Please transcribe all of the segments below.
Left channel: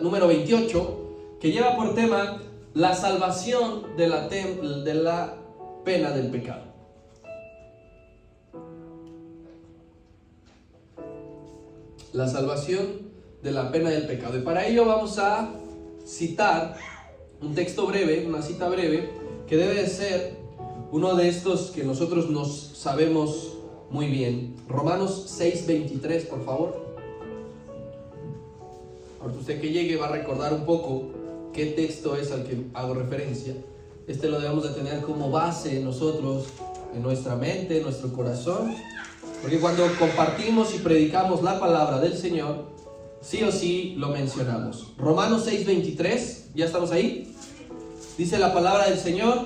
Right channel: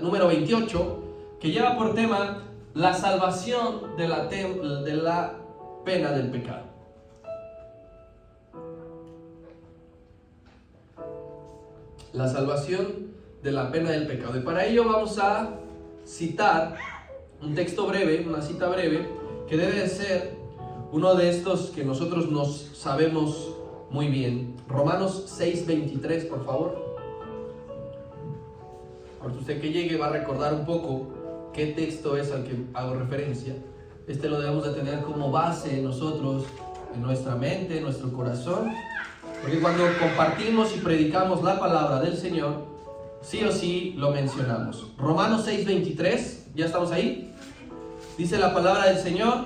Número 28, que lleva por tema la salvación de la pena del pecado. La salvación de la pena del pecado. Y para ello vamos a citar un texto breve, una cita breve, que debe de ser uno de estos que nosotros nos sabemos muy bien. Romanos 6:23, por favor. Ahora usted que llegue va a recordar un poco qué texto es al que hago referencia. Este lo debemos de tener como base nosotros en nuestra mente, en nuestro corazón, porque cuando compartimos y predicamos la palabra del Señor, sí o sí lo mencionamos. Romanos 6:23, ¿ya estamos ahí? Dice la palabra del Señor:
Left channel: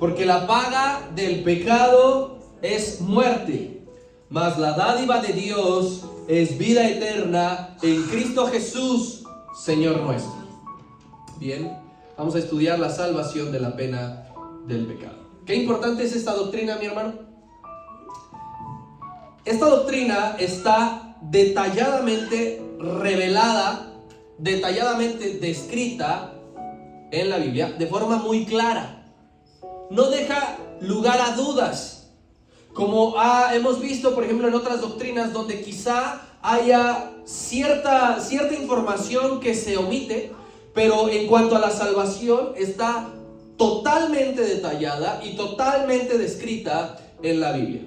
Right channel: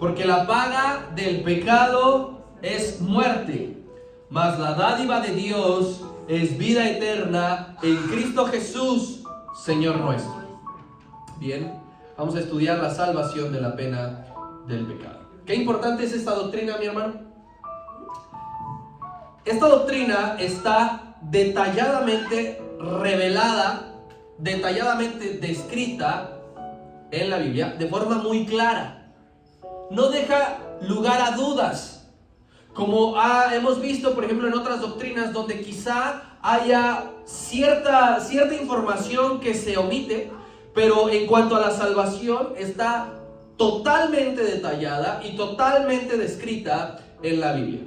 porque la paga del pecado es muerte, mas la dádiva de Dios es vida eterna en Cristo Jesús, Señor nuestro. Bien, vamos a estudiar la salvación de la pena del pecado. ¿Qué importante es esta doctrina, mi hermano? Esta doctrina está detalladamente revelada, detalladamente descrita en la Biblia de forma muy clara. No deja lugar a dudas, como hemos visto, por ejemplo, en otras doctrinas donde quizá haya cierta información que se omite, pero en cuanto a la salvación está totalmente detallada y totalmente descrita en la Biblia.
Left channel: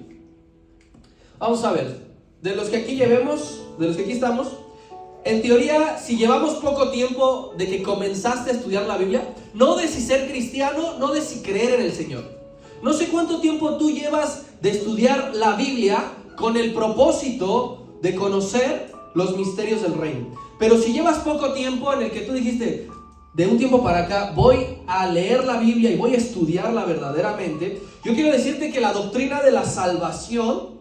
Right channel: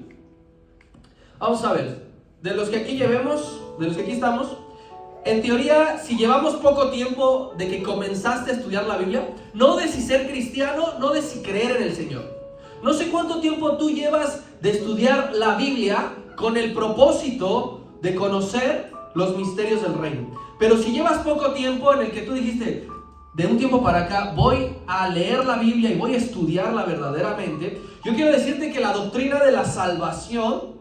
Vamos a ver, de los que aquí estamos, en teoría, si llevamos poco tiempo de que comenzaste a estudiar la Biblia, no de si ser cristiano, no de si creer en el Señor. No sé cuánto tiempo tú llevas de estudiar la Biblia con el propósito de conocer los misterios del reino. Pero si llevas poco tiempo en el que tú dijiste, de un tiempo para acá voy a leer la Biblia y voy a estudiarla verdaderamente, yo quiero decirte que la doctrina de la salvación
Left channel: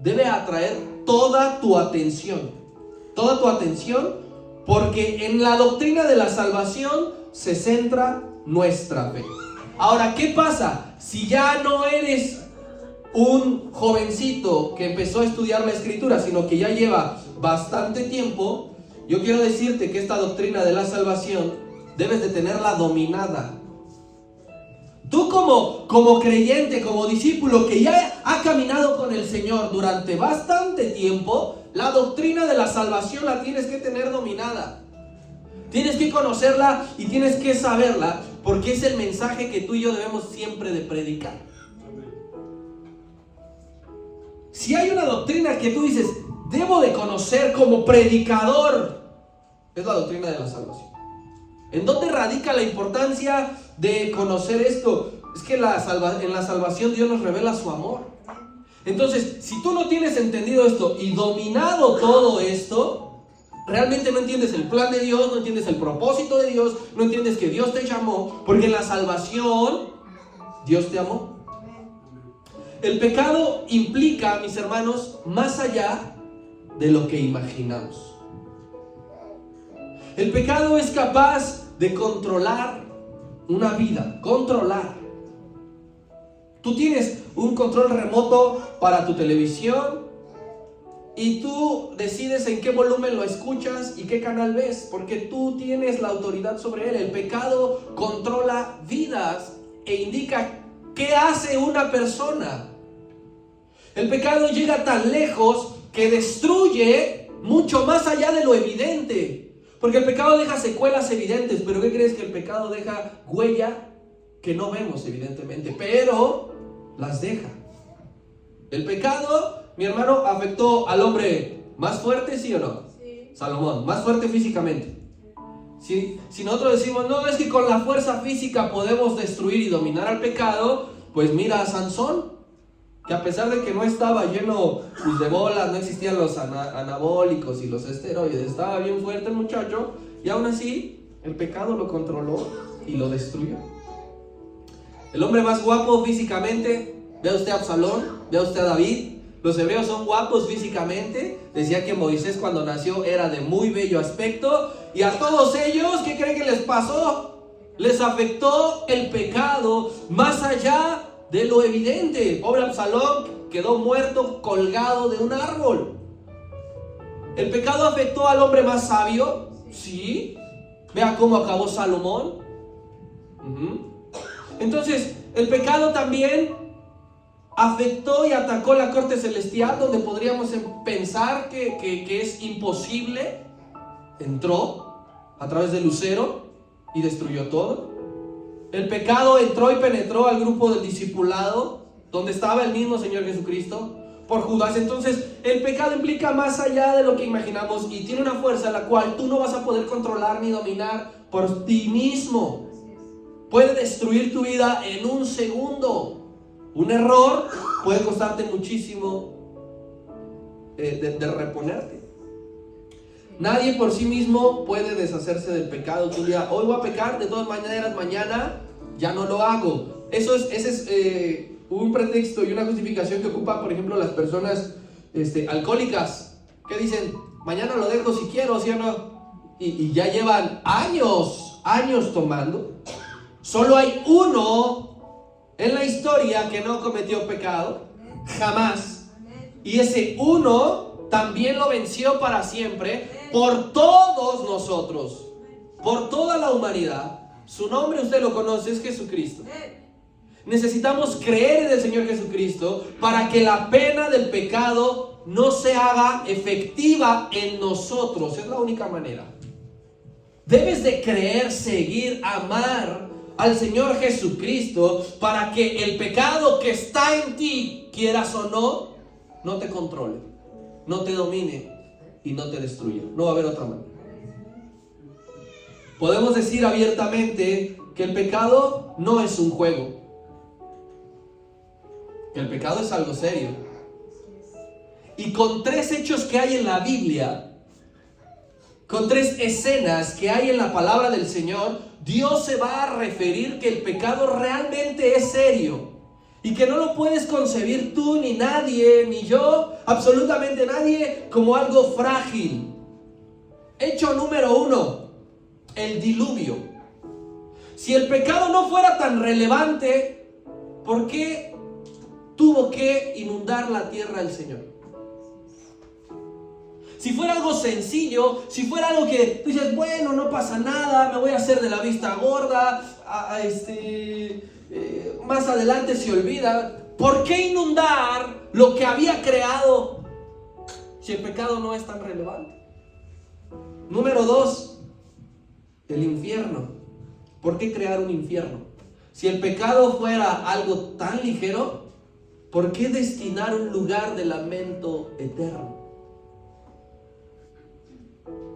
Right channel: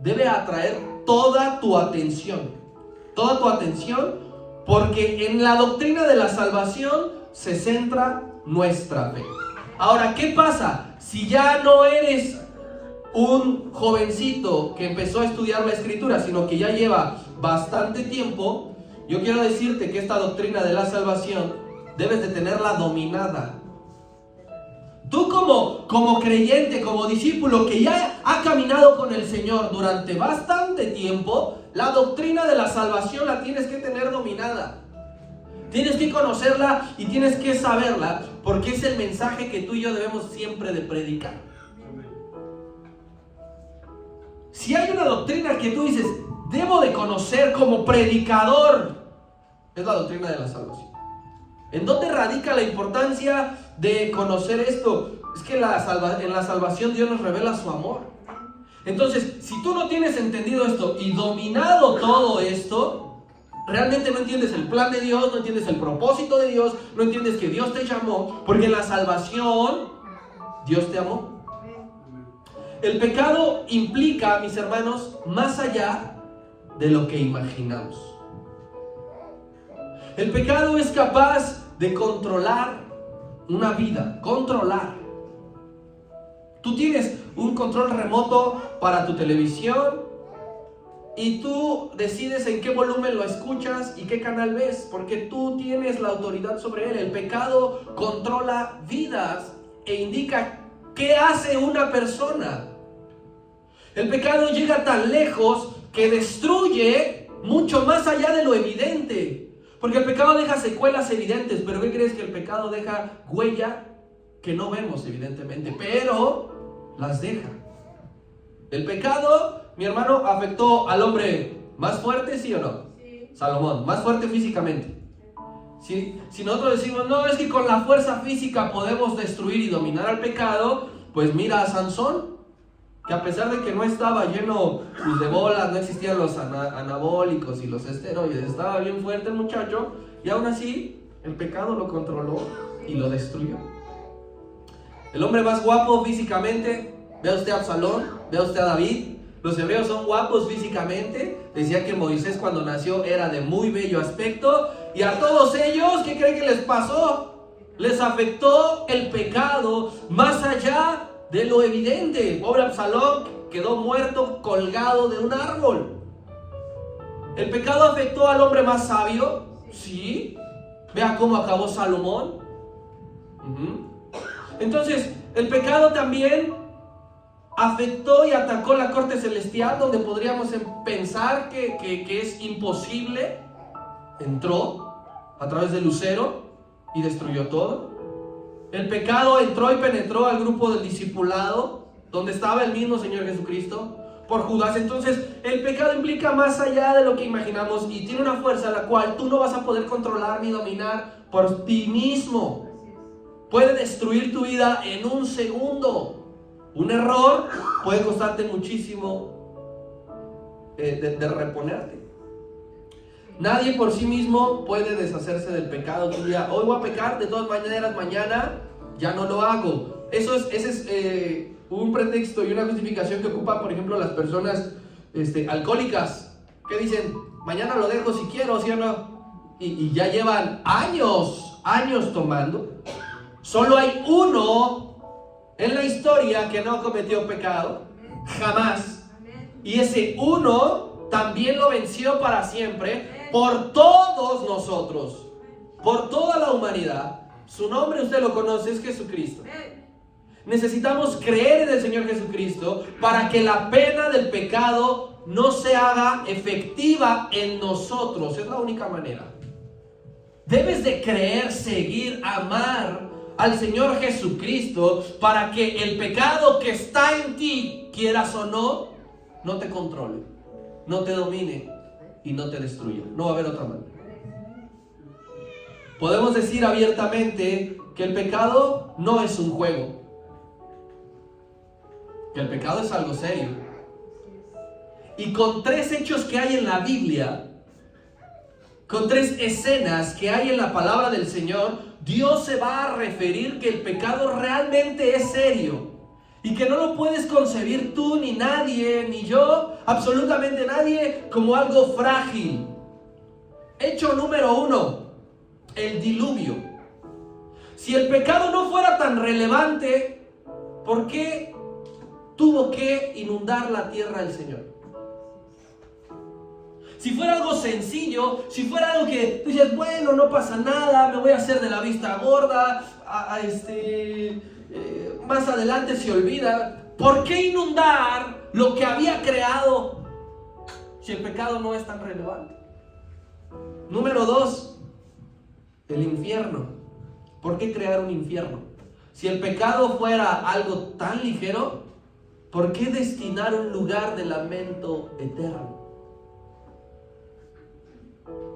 debe atraer toda tu atención, porque en la doctrina de la salvación se centra nuestra fe. Ahora, ¿qué pasa si ya no eres un jovencito que empezó a estudiar la Escritura, sino que ya lleva bastante tiempo? Yo quiero decirte que esta doctrina de la salvación debes de tenerla dominada. Tú como creyente, como discípulo que ya ha caminado con el Señor durante bastante tiempo, la doctrina de la salvación la tienes que tener dominada. Tienes que conocerla y tienes que saberla, porque es el mensaje que tú y yo debemos siempre de predicar. Si hay una doctrina que tú dices, debo de conocer como predicador, es la doctrina de la salvación. ¿En dónde radica la importancia de conocer esto? Es que en la salvación Dios nos revela su amor. Entonces, si tú no tienes entendido esto y dominado todo esto, realmente no entiendes el plan de Dios, no entiendes el propósito de Dios, no entiendes que Dios te llamó, porque en la salvación Dios te amó. El pecado implica, mis hermanos, más allá de lo que imaginamos. El pecado es capaz de controlar una vida, controlar. Tú tienes un control remoto para tu televisión y tú decides en qué volumen lo escuchas y qué canal ves, porque tú tienes la autoridad sobre él. El pecado controla vidas e indica qué hace una persona. El pecado llega tan lejos que destruye mucho más allá de lo evidente. Porque el pecado deja secuelas evidentes, pero ¿qué crees? Que el pecado deja huella que no vemos evidentemente, pero las deja. El pecado, mi hermano, afectó al hombre más fuerte, ¿sí o no? Sí. Salomón, más fuerte físicamente. Si nosotros decimos, no, es que con la fuerza física podemos destruir y dominar al pecado, pues mira a Sansón, que a pesar de que no estaba lleno de bolas, no existían los anabólicos y los esteroides, estaba bien fuerte el muchacho, y aún así el pecado lo controló y lo destruyó. El hombre más guapo físicamente, vea usted a Absalón, vea usted a David. Los hebreos son guapos físicamente. Decía que Moisés cuando nació era de muy bello aspecto, y a todos ellos, ¿qué creen que les pasó? Les afectó el pecado más allá de lo evidente. Pobre Absalón quedó muerto colgado de un árbol. El pecado afectó al hombre más sabio, Sí. Vea cómo acabó Salomón. Entonces, el pecado también afectó y atacó la corte celestial, donde podríamos pensar que es imposible. Entró a través de Lucero y destruyó todo. El pecado entró y penetró al grupo del discipulado, donde estaba el mismo Señor Jesucristo, por Judas. Entonces, el pecado implica más allá de lo que imaginamos y tiene una fuerza la cual tú no vas a poder controlar ni dominar por ti mismo. Puede destruir tu vida en un segundo. Un error puede costarte muchísimo de reponerte. Nadie por sí mismo puede deshacerse del pecado. Tú dirás, hoy voy a pecar, de todas maneras mañana ya no lo hago. Ese es un pretexto y una justificación que ocupan, por ejemplo, las personas alcohólicas, que dicen, mañana lo dejo si quiero, ¿sí o no? Y ya llevan años tomando. Solo hay uno en la historia que no cometió pecado, jamás. Y ese uno también lo venció para siempre por todos nosotros, por toda la humanidad. Su nombre usted lo conoce, es Jesucristo. Necesitamos creer en el Señor Jesucristo para que la pena del pecado no se haga efectiva en nosotros. Es la única manera. Debes de creer, seguir, amar al Señor Jesucristo para que el pecado que está en ti, quieras o no, no te controle, no te domine y no te destruya. No va a haber otra manera. Podemos decir abiertamente que el pecado no es un juego, que el pecado es algo serio. Y con 3 hechos que hay en la Biblia, con 3 escenas que hay en la palabra del Señor, Dios se va a referir que el pecado realmente es serio y que no lo puedes concebir tú, ni nadie, ni yo, absolutamente nadie, como algo frágil. Hecho número 1, el diluvio. Si el pecado no fuera tan relevante, ¿por qué tuvo que inundar la tierra el Señor? Si fuera algo sencillo, si fuera algo que tú dices, bueno, no pasa nada, me voy a hacer de la vista gorda, más adelante se olvida. ¿Por qué inundar lo que había creado si el pecado no es tan relevante? Número 2, el infierno. ¿Por qué crear un infierno? Si el pecado fuera algo tan ligero, ¿por qué destinar un lugar de lamento eterno?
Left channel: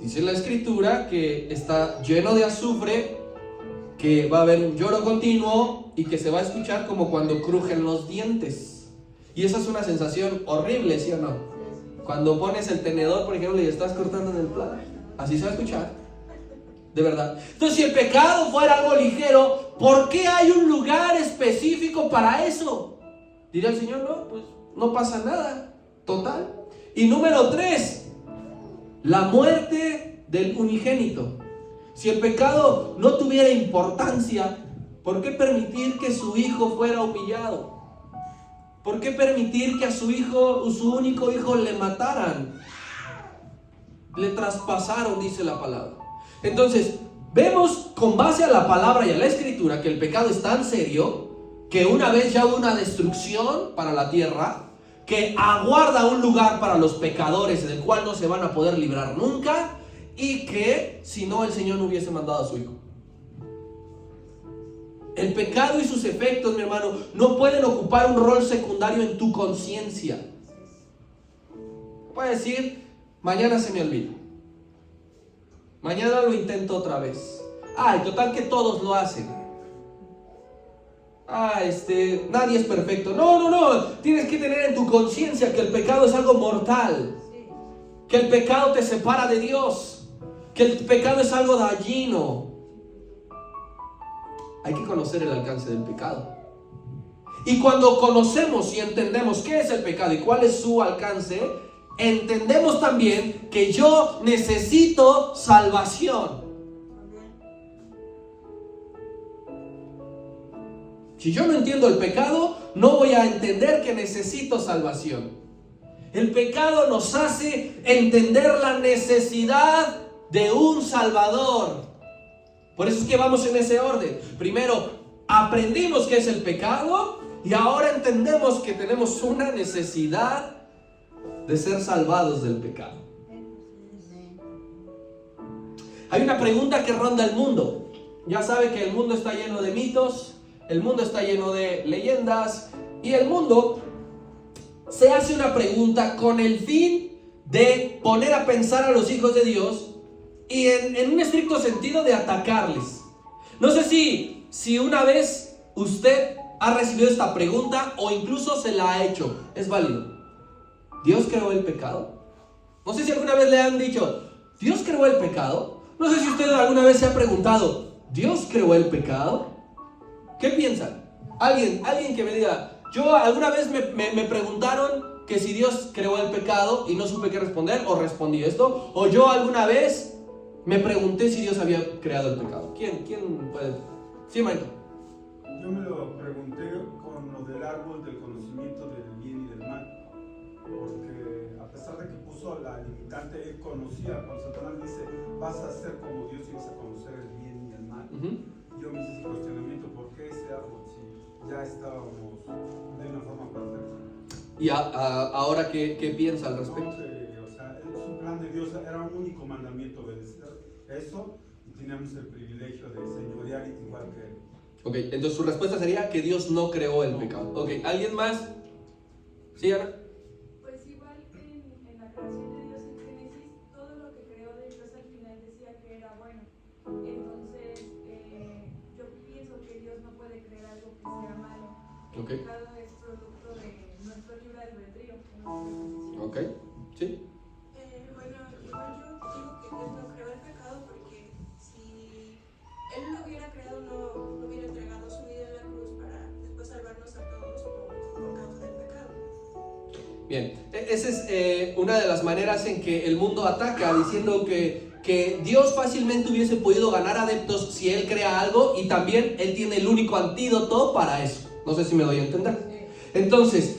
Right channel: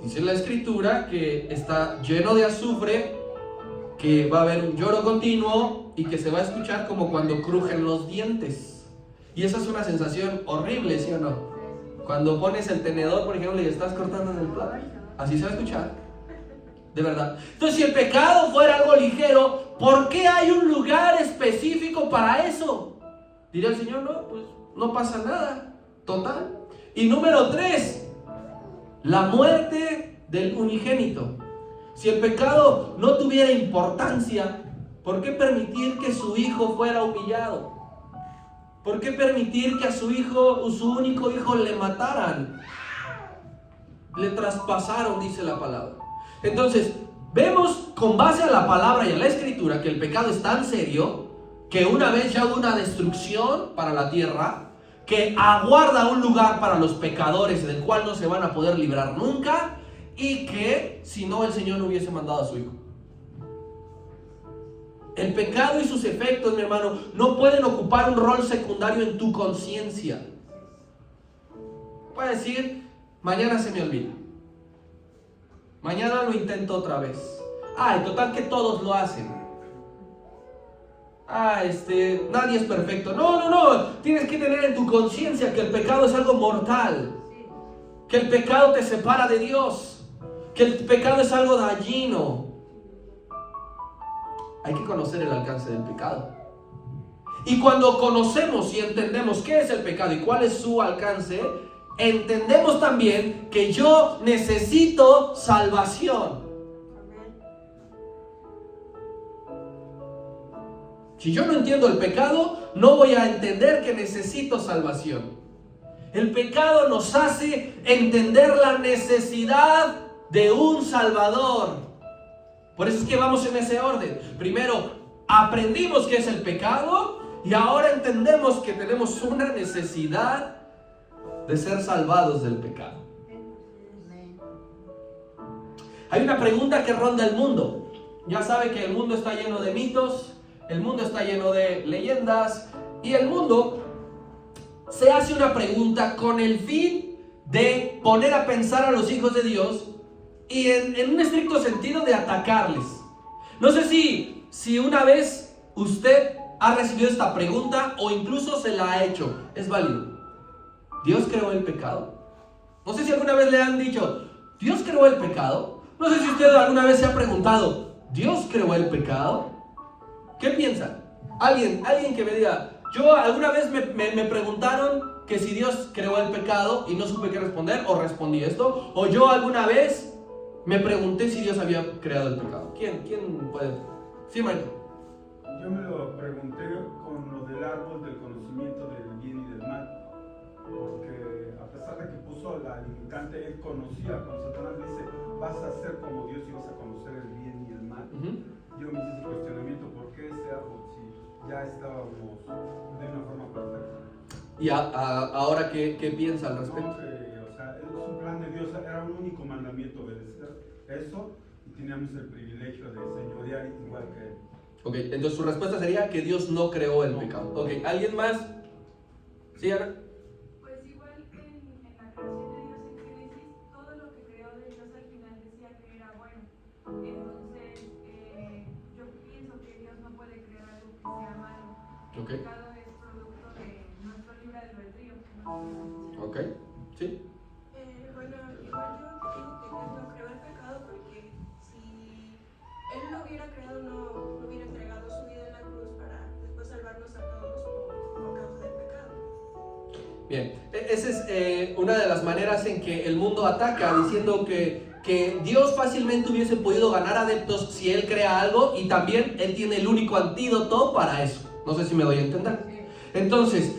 Dice la Escritura que está lleno de azufre, que va a haber un lloro continuo y que se va a escuchar como cuando crujen los dientes. Y esa es una sensación horrible, ¿sí o no? Cuando pones el tenedor, por ejemplo, y estás cortando en el plato, así se va a escuchar, de verdad. Entonces, si el pecado fuera algo ligero, ¿por qué hay un lugar específico para eso? Diría el Señor, no, pues no pasa nada, total. Y número 3, la muerte del unigénito. Si el pecado no tuviera importancia, ¿por qué permitir que su hijo fuera humillado? ¿Por qué permitir que a su hijo, su único hijo, le mataran? Le traspasaron, dice la palabra. Entonces, vemos con base a la palabra y a la Escritura que el pecado es tan serio que una vez ya hubo una destrucción para la tierra, que aguarda un lugar para los pecadores del cual no se van a poder librar nunca, y que si no, el Señor no hubiese mandado a su hijo. El pecado y sus efectos, mi hermano, no pueden ocupar un rol secundario en tu conciencia. Puedes decir, mañana se me olvida, mañana lo intento otra vez. Ay, total que todos lo hacen. Nadie es perfecto. No. Tienes que tener en tu conciencia que el pecado es algo mortal. Que el pecado te separa de Dios. Que el pecado es algo dañino. Hay que conocer el alcance del pecado. Y cuando conocemos y entendemos qué es el pecado y cuál es su alcance, entendemos también que yo necesito salvación. Si yo no entiendo el pecado, no voy a entender que necesito salvación. El pecado nos hace entender la necesidad de un Salvador. Por eso es que vamos en ese orden. Primero, aprendimos qué es el pecado y ahora entendemos que tenemos una necesidad de ser salvados del pecado. Hay una pregunta que ronda el mundo. Ya sabe que el mundo está lleno de mitos, el mundo está lleno de leyendas y el mundo se hace una pregunta con el fin de poner a pensar a los hijos de Dios y en un estricto sentido de atacarles. No sé si una vez usted ha recibido esta pregunta o incluso se la ha hecho. Es válido. ¿Dios creó el pecado? No sé si alguna vez le han dicho, ¿Dios creó el pecado? No sé si usted alguna vez se ha preguntado, ¿Dios creó el pecado? ¿Qué piensan? Alguien que me diga, yo alguna vez me preguntaron que si Dios creó el pecado y no supe qué responder, o respondí esto, o yo alguna vez me pregunté si Dios había creado el pecado. ¿Quién puede? Sí, Michael. Yo me lo pregunté con lo del árbol del conocimiento del bien y del mal, porque a pesar de que puso la limitante, él conocía, cuando Satanás dice, vas a ser como Dios y vas a conocer el bien y el mal. Yo me hice ese cuestionamiento, ¿por qué ese árbol si ya estábamos de una forma perfecta? ¿Y ahora qué piensa al respecto? No, o sea, es un plan de Dios, era un único mandamiento, obedecer eso, y teníamos el privilegio de señorear igual que él. Ok, entonces su respuesta sería que Dios no creó el pecado. Ok, ¿alguien más? ¿Sí, Ana? Pues igual en la creación de Dios en Génesis, todo lo que creó de Dios al final decía que era bueno. Entonces, yo pienso que Dios no puede crear algo que sea malo. El pecado es producto de nuestro libre albedrío. Ok, sí. Bueno, igual yo digo que Dios no creó el pecado porque si Él lo hubiera creado no hubiera entregado su vida en la cruz para después salvarnos a todos por causa del pecado. Bien, esa es una de las maneras en que el mundo ataca, diciendo que Dios fácilmente hubiese podido ganar adeptos si Él crea algo y también Él tiene el único antídoto para eso. No sé si me doy a entender. Entonces,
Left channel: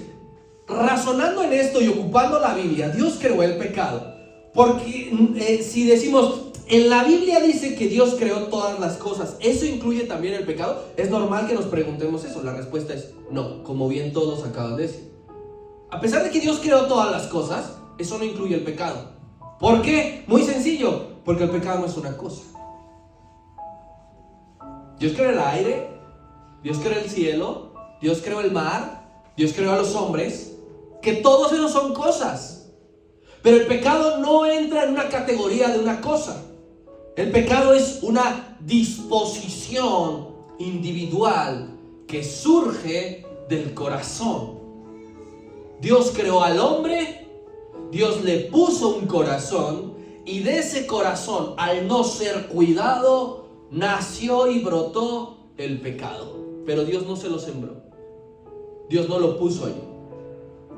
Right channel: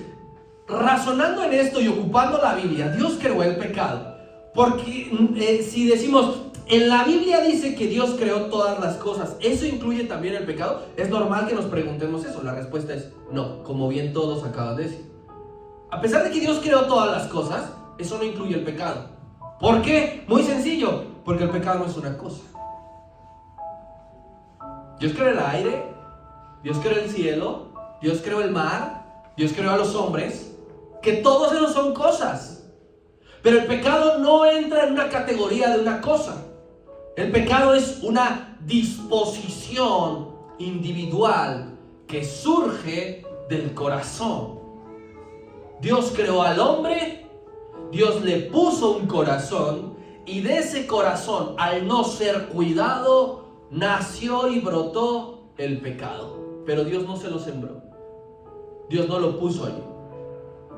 razonando en esto y ocupando la Biblia, Dios creó el pecado. Porque si decimos, en la Biblia dice que Dios creó todas las cosas, ¿eso incluye también el pecado? Es normal que nos preguntemos eso. La respuesta es no, como bien todos acaban de decir. A pesar de que Dios creó todas las cosas, eso no incluye el pecado. ¿Por qué? Muy sencillo, porque el pecado no es una cosa. Dios creó el aire, Dios creó el cielo, Dios creó el mar, Dios creó a los hombres, que todos esos son cosas. Pero el pecado no entra en una categoría de una cosa. El pecado es una disposición individual que surge del corazón. Dios creó al hombre, Dios le puso un corazón y de ese corazón, al no ser cuidado, nació y brotó el pecado. Pero Dios no se lo sembró. Dios no lo puso allí.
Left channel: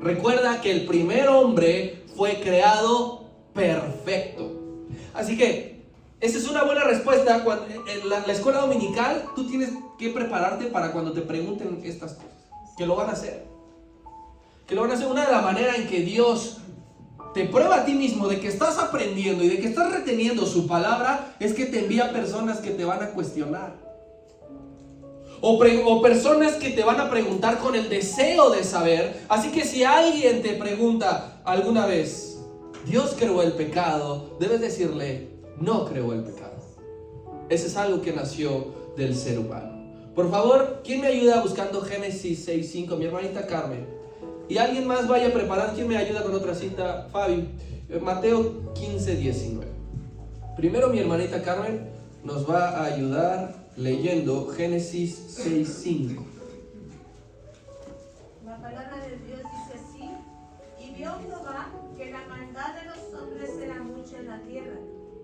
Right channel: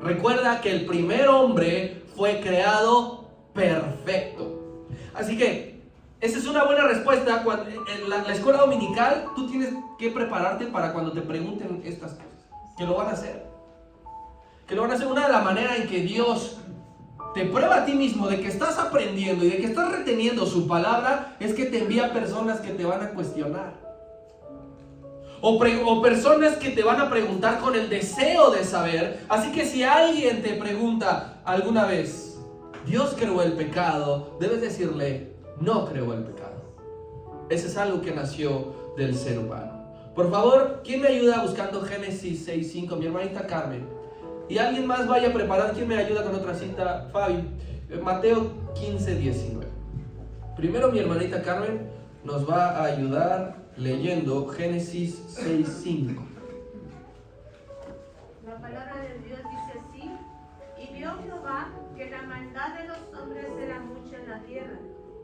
Recuerda que el primer hombre fue creado perfecto. Así que esa es una buena respuesta. Cuando, en la escuela dominical tú tienes que prepararte para cuando te pregunten estas cosas. Que lo van a hacer. Que lo van a hacer. Una de las maneras en que Dios te prueba a ti mismo de que estás aprendiendo y de que estás reteniendo su palabra es que te envía personas que te van a cuestionar. O personas que te van a preguntar con el deseo de saber. Así que si alguien te pregunta alguna vez, ¿Dios creó el pecado? Debes decirle, no creó el pecado. Ese es algo que nació del ser humano. Por favor, ¿quién me ayuda buscando Génesis 6:5? Mi hermanita Carmen. Y alguien más vaya a preparar. ¿Quién me ayuda con otra cita? Fabi. Mateo 15:19. Primero mi hermanita Carmen nos va a ayudar leyendo Génesis 6:5. La palabra de Dios dice así: y vio Jehová que la maldad de los hombres era mucha en la tierra,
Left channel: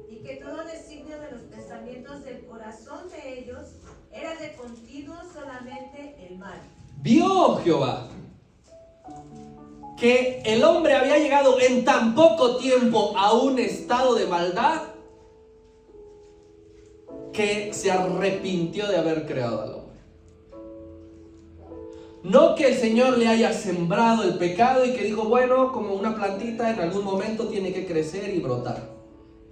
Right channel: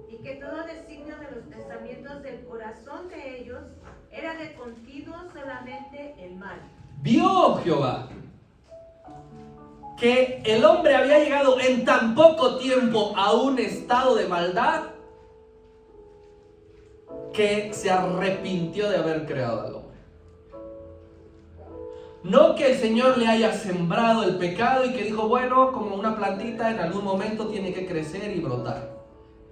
y que todo designio de los pensamientos del corazón de ellos era de continuo solamente el mal. Vio Jehová que el hombre había llegado en tan poco tiempo a un estado de maldad que se arrepintió de haber creado al hombre. No que el Señor le haya sembrado el pecado y que dijo, bueno, como una plantita en algún momento tiene que crecer y brotar.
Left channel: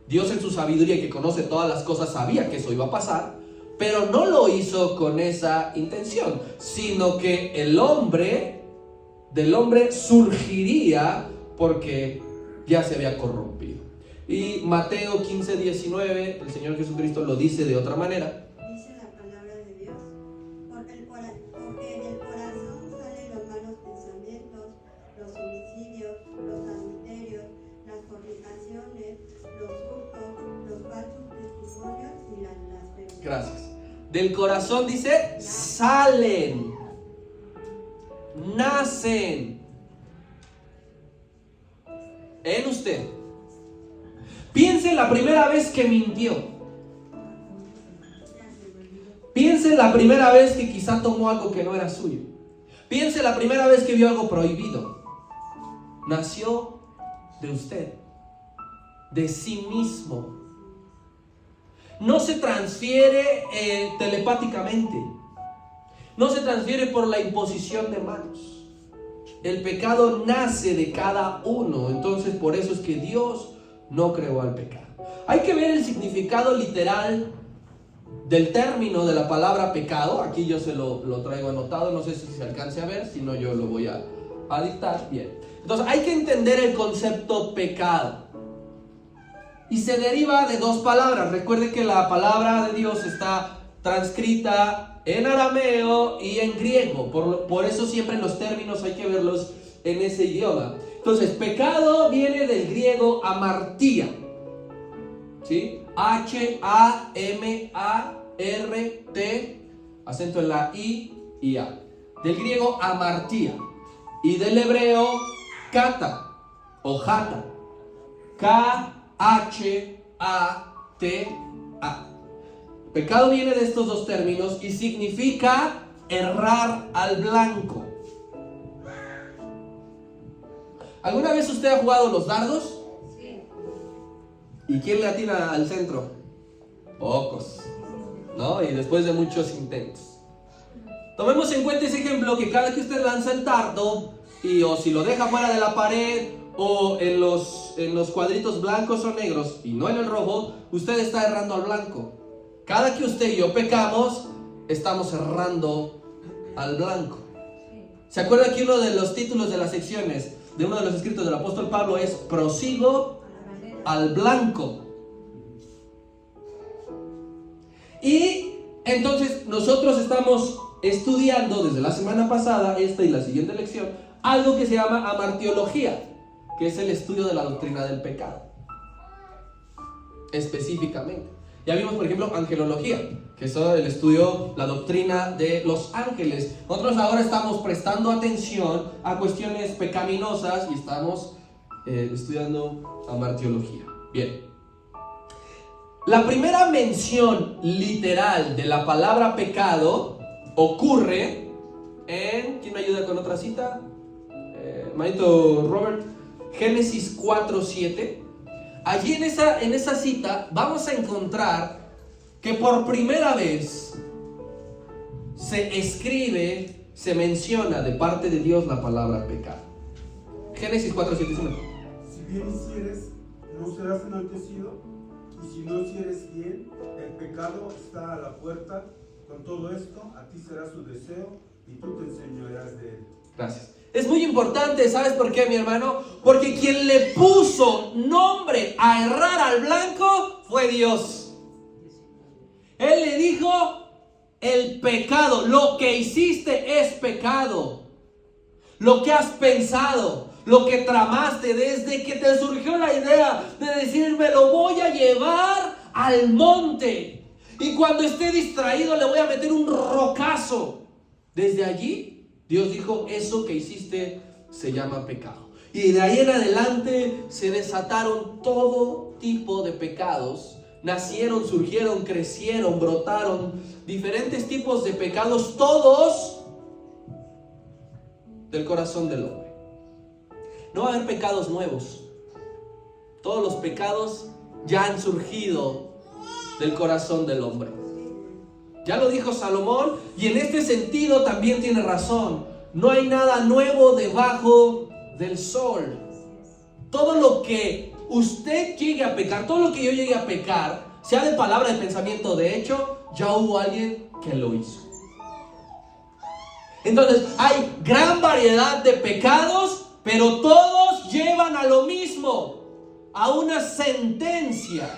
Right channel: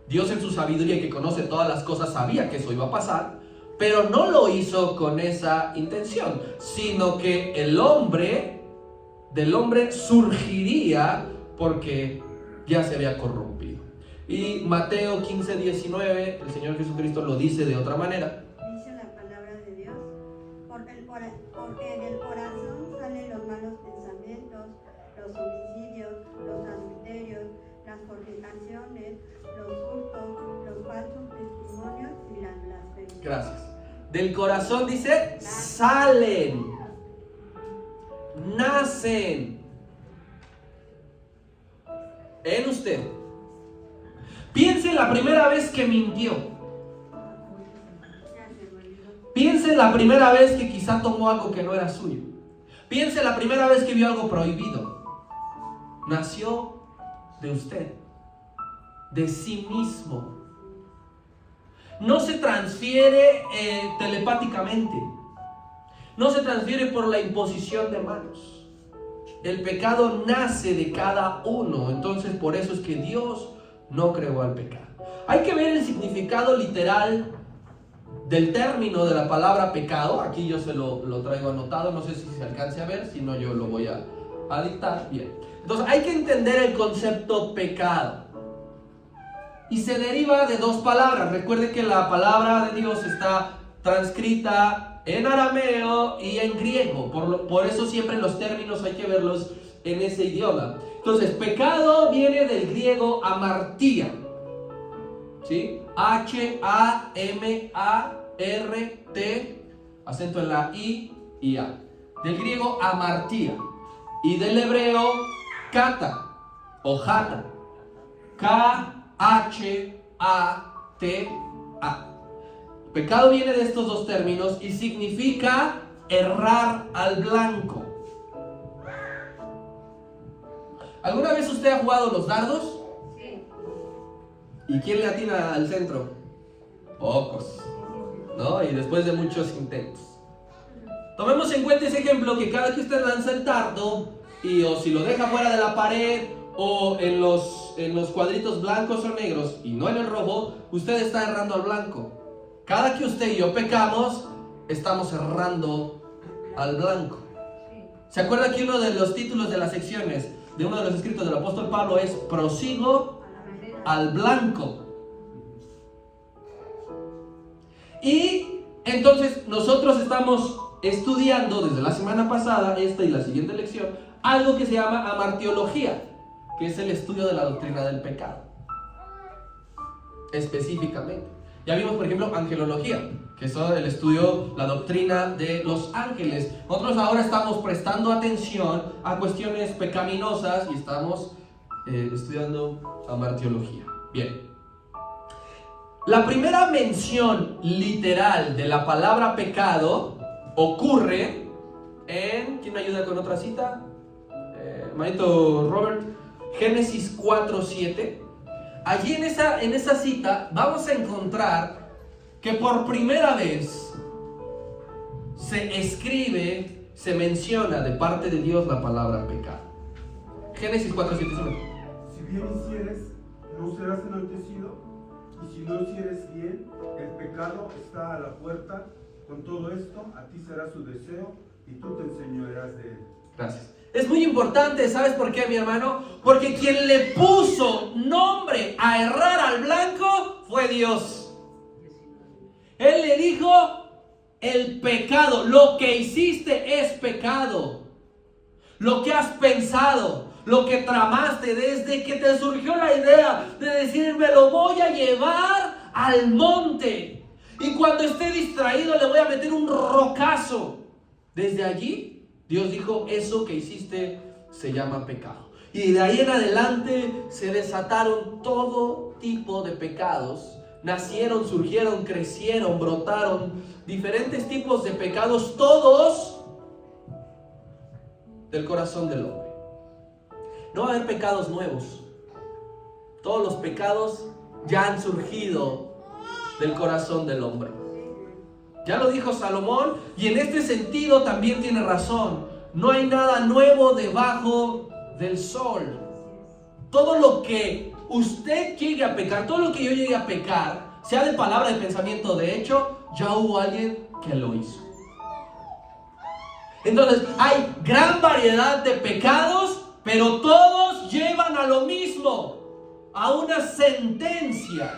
Dios en su sabiduría, que conoce todas las cosas, sabía que eso iba a pasar, pero no lo hizo con esa intención, sino que del hombre surgiría porque ya se había corrompido. Y Mateo 15:19, el Señor Jesucristo lo dice de otra manera. Dice la palabra de Dios, porque del corazón salen los malos pensamientos, los homicidios, los adulterios, las fornicaciones, los hurtos, los falsos testimonios y las blasfemias. Gracias. Del corazón, dice, salen, nacen en usted. Piense en la primera vez que mintió. Piense en la primera vez que quizá tomó algo que no era suyo. Piense en la primera vez que vio algo prohibido. Nació de usted, de sí mismo. No se transfiere telepáticamente. No se transfiere por la imposición de manos. El pecado nace de cada uno. Entonces, por eso es que Dios no creó al pecado. Hay que ver el significado literal del término de la palabra pecado. Aquí yo se lo traigo anotado. No sé si se alcance a ver. Si no, yo lo voy a dictar. Bien. Entonces, hay que entender el concepto pecado. Y se deriva de dos palabras. Recuerde que la palabra de Dios está transcrita en arameo y en griego. Por eso siempre los términos hay que verlos en ese idioma. Entonces, pecado viene del griego amartía. ¿Sí? H-A-M-A-R-T, acento en la I y A. Del griego amartía. Y del hebreo kata o jata. K-H-A-T-A. Pecado viene de estos dos términos y significa errar al blanco. ¿Alguna vez usted ha jugado los dardos? Sí. ¿Y quién le atina al centro? Pocos, ¿no? Y después de muchos intentos. Tomemos en cuenta ese ejemplo, que cada que usted lanza el dardo, o si lo deja fuera de la pared, o en los cuadritos blancos o negros, y no en el rojo, usted está errando al blanco. Cada que usted y yo pecamos, estamos errando al blanco. ¿Se acuerda que uno de los títulos de las secciones de uno de los escritos del apóstol Pablo es prosigo al blanco? Y entonces nosotros estamos estudiando desde la semana pasada, esta y la siguiente lección, algo que se llama amartiología, que es el estudio de la doctrina del pecado específicamente. Ya vimos, por ejemplo, angelología, que es el estudio, la doctrina de los ángeles. Nosotros ahora estamos prestando atención a cuestiones pecaminosas y estamos estudiando amartiología. Bien. La primera mención literal de la palabra pecado ocurre en... ¿Quién me ayuda con otra cita? Manito Robert. Génesis 4:7. Allí en esa cita vamos a encontrar que por primera vez se escribe, se menciona de parte de Dios la palabra pecado. Génesis 4:7. Si bien hicieres, no serás enaltecido, y si no hicieres bien, el pecado está a la puerta. Con todo esto, a ti será su deseo, y tú te enseñorearás de él. Gracias. Es muy importante, ¿sabes por qué, mi hermano? Porque quien le puso nombre a errar al blanco fue Dios. Él le dijo: el pecado, lo que hiciste es pecado. Lo que has pensado, lo que tramaste desde que te surgió la idea de decir, me lo voy a llevar al monte, y cuando esté distraído le voy a meter un rocazo. Desde allí Dios dijo: eso que hiciste se llama pecado. Y de ahí en adelante se desataron todo tipo de pecados. Nacieron, surgieron, crecieron, brotaron diferentes tipos de pecados, todos del corazón del hombre. No va a haber pecados nuevos. Todos los pecados ya han surgido del corazón del hombre. Ya lo dijo Salomón, y en este sentido también tiene razón. No hay nada nuevo debajo del sol. Todo lo que usted llegue a pecar, todo lo que yo llegue a pecar, sea de palabra, de pensamiento, de hecho, ya hubo alguien que lo hizo. Entonces, hay gran variedad de pecados, pero todos llevan a lo mismo, a una sentencia,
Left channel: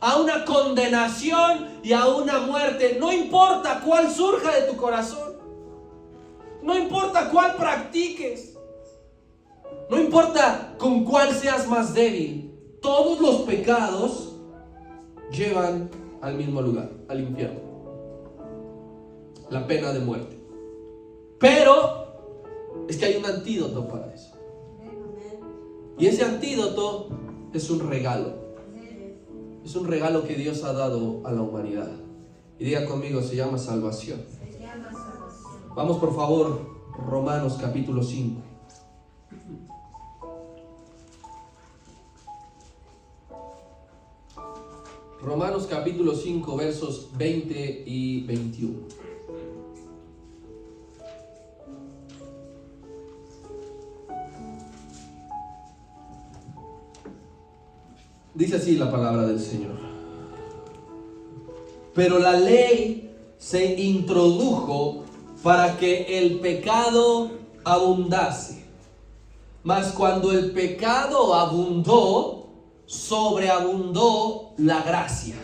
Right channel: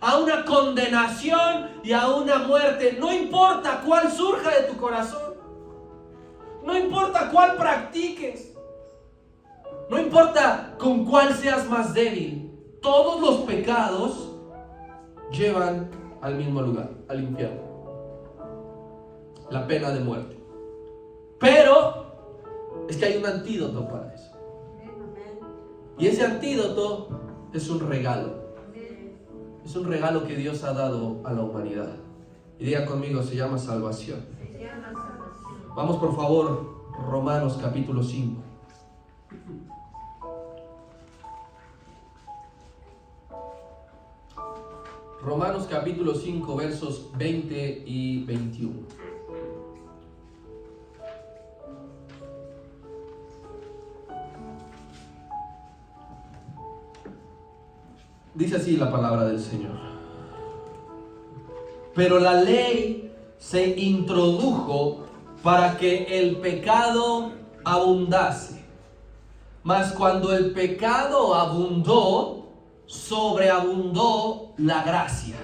a una condenación y a una muerte. No importa cuál surja de tu corazón, no importa cuál practiques, no importa con cuál seas más débil, todos los pecados llevan al mismo lugar, al infierno, la pena de muerte. Pero es que hay un antídoto para eso, y ese antídoto es un regalo. Es un regalo que Dios ha dado a la humanidad. Y diga conmigo, se llama salvación. Vamos por favor, Romanos capítulo 5. Romanos capítulo 5, versos 20 y 21. Dice así la palabra del Señor. Pero la ley se introdujo para que el pecado abundase. Mas cuando el pecado abundó, sobreabundó la gracia.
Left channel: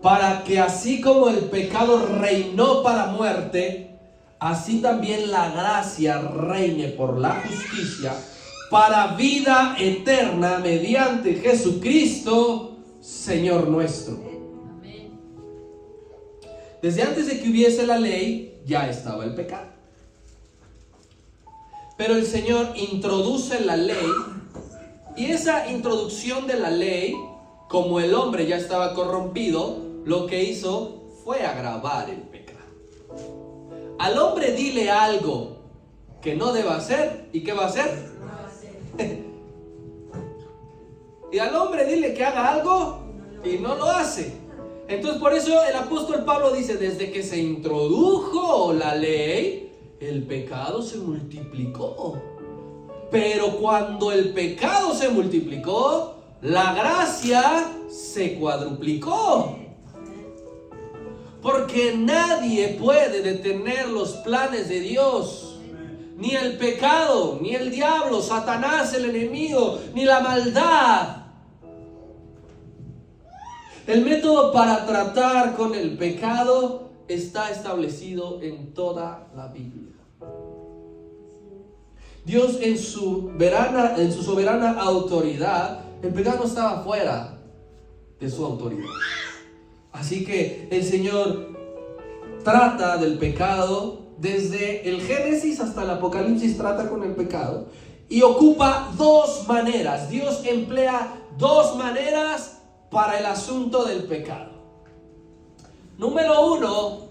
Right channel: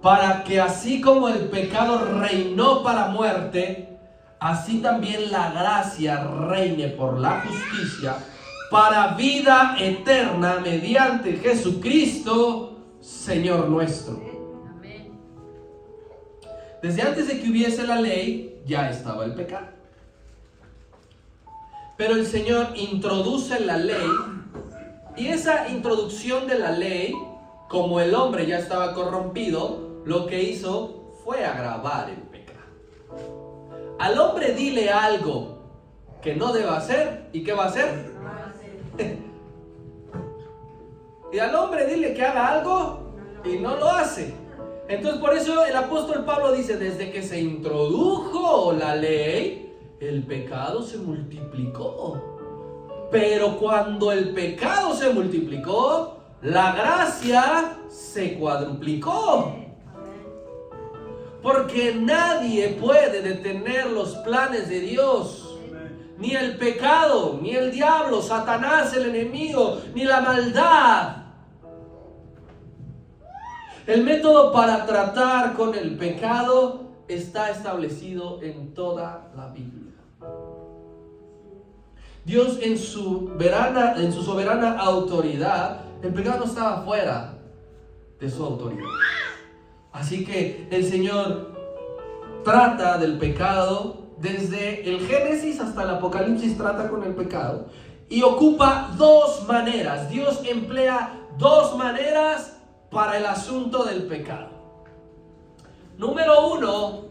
Para que así como el pecado reinó para muerte, así también la gracia reine por la justicia para vida eterna mediante Jesucristo, Señor nuestro. Desde antes de que hubiese la ley, ya estaba el pecado. Pero el Señor introduce la ley, y esa introducción de la ley, como el hombre ya estaba corrompido, lo que hizo fue agravar el pecado. Al hombre dile algo que no deba hacer, ¿y qué va a hacer? Y al hombre dile que haga algo y no lo hace. Entonces por eso el apóstol Pablo dice, desde que se introdujo la ley, el pecado se multiplicó. Pero cuando el pecado se multiplicó, la gracia se cuadruplicó. Porque nadie puede detener los planes de Dios. Ni el pecado, ni el diablo, Satanás, el enemigo, ni la maldad. El método para tratar con el pecado está establecido en toda la Biblia. Dios en su soberana autoridad, el pecado no estaba fuera de su autoridad. Así que el Señor trata del pecado desde el Génesis hasta el Apocalipsis, trata con el pecado y ocupa dos maneras. Dios emplea dos maneras para el asunto del pecado. Número uno,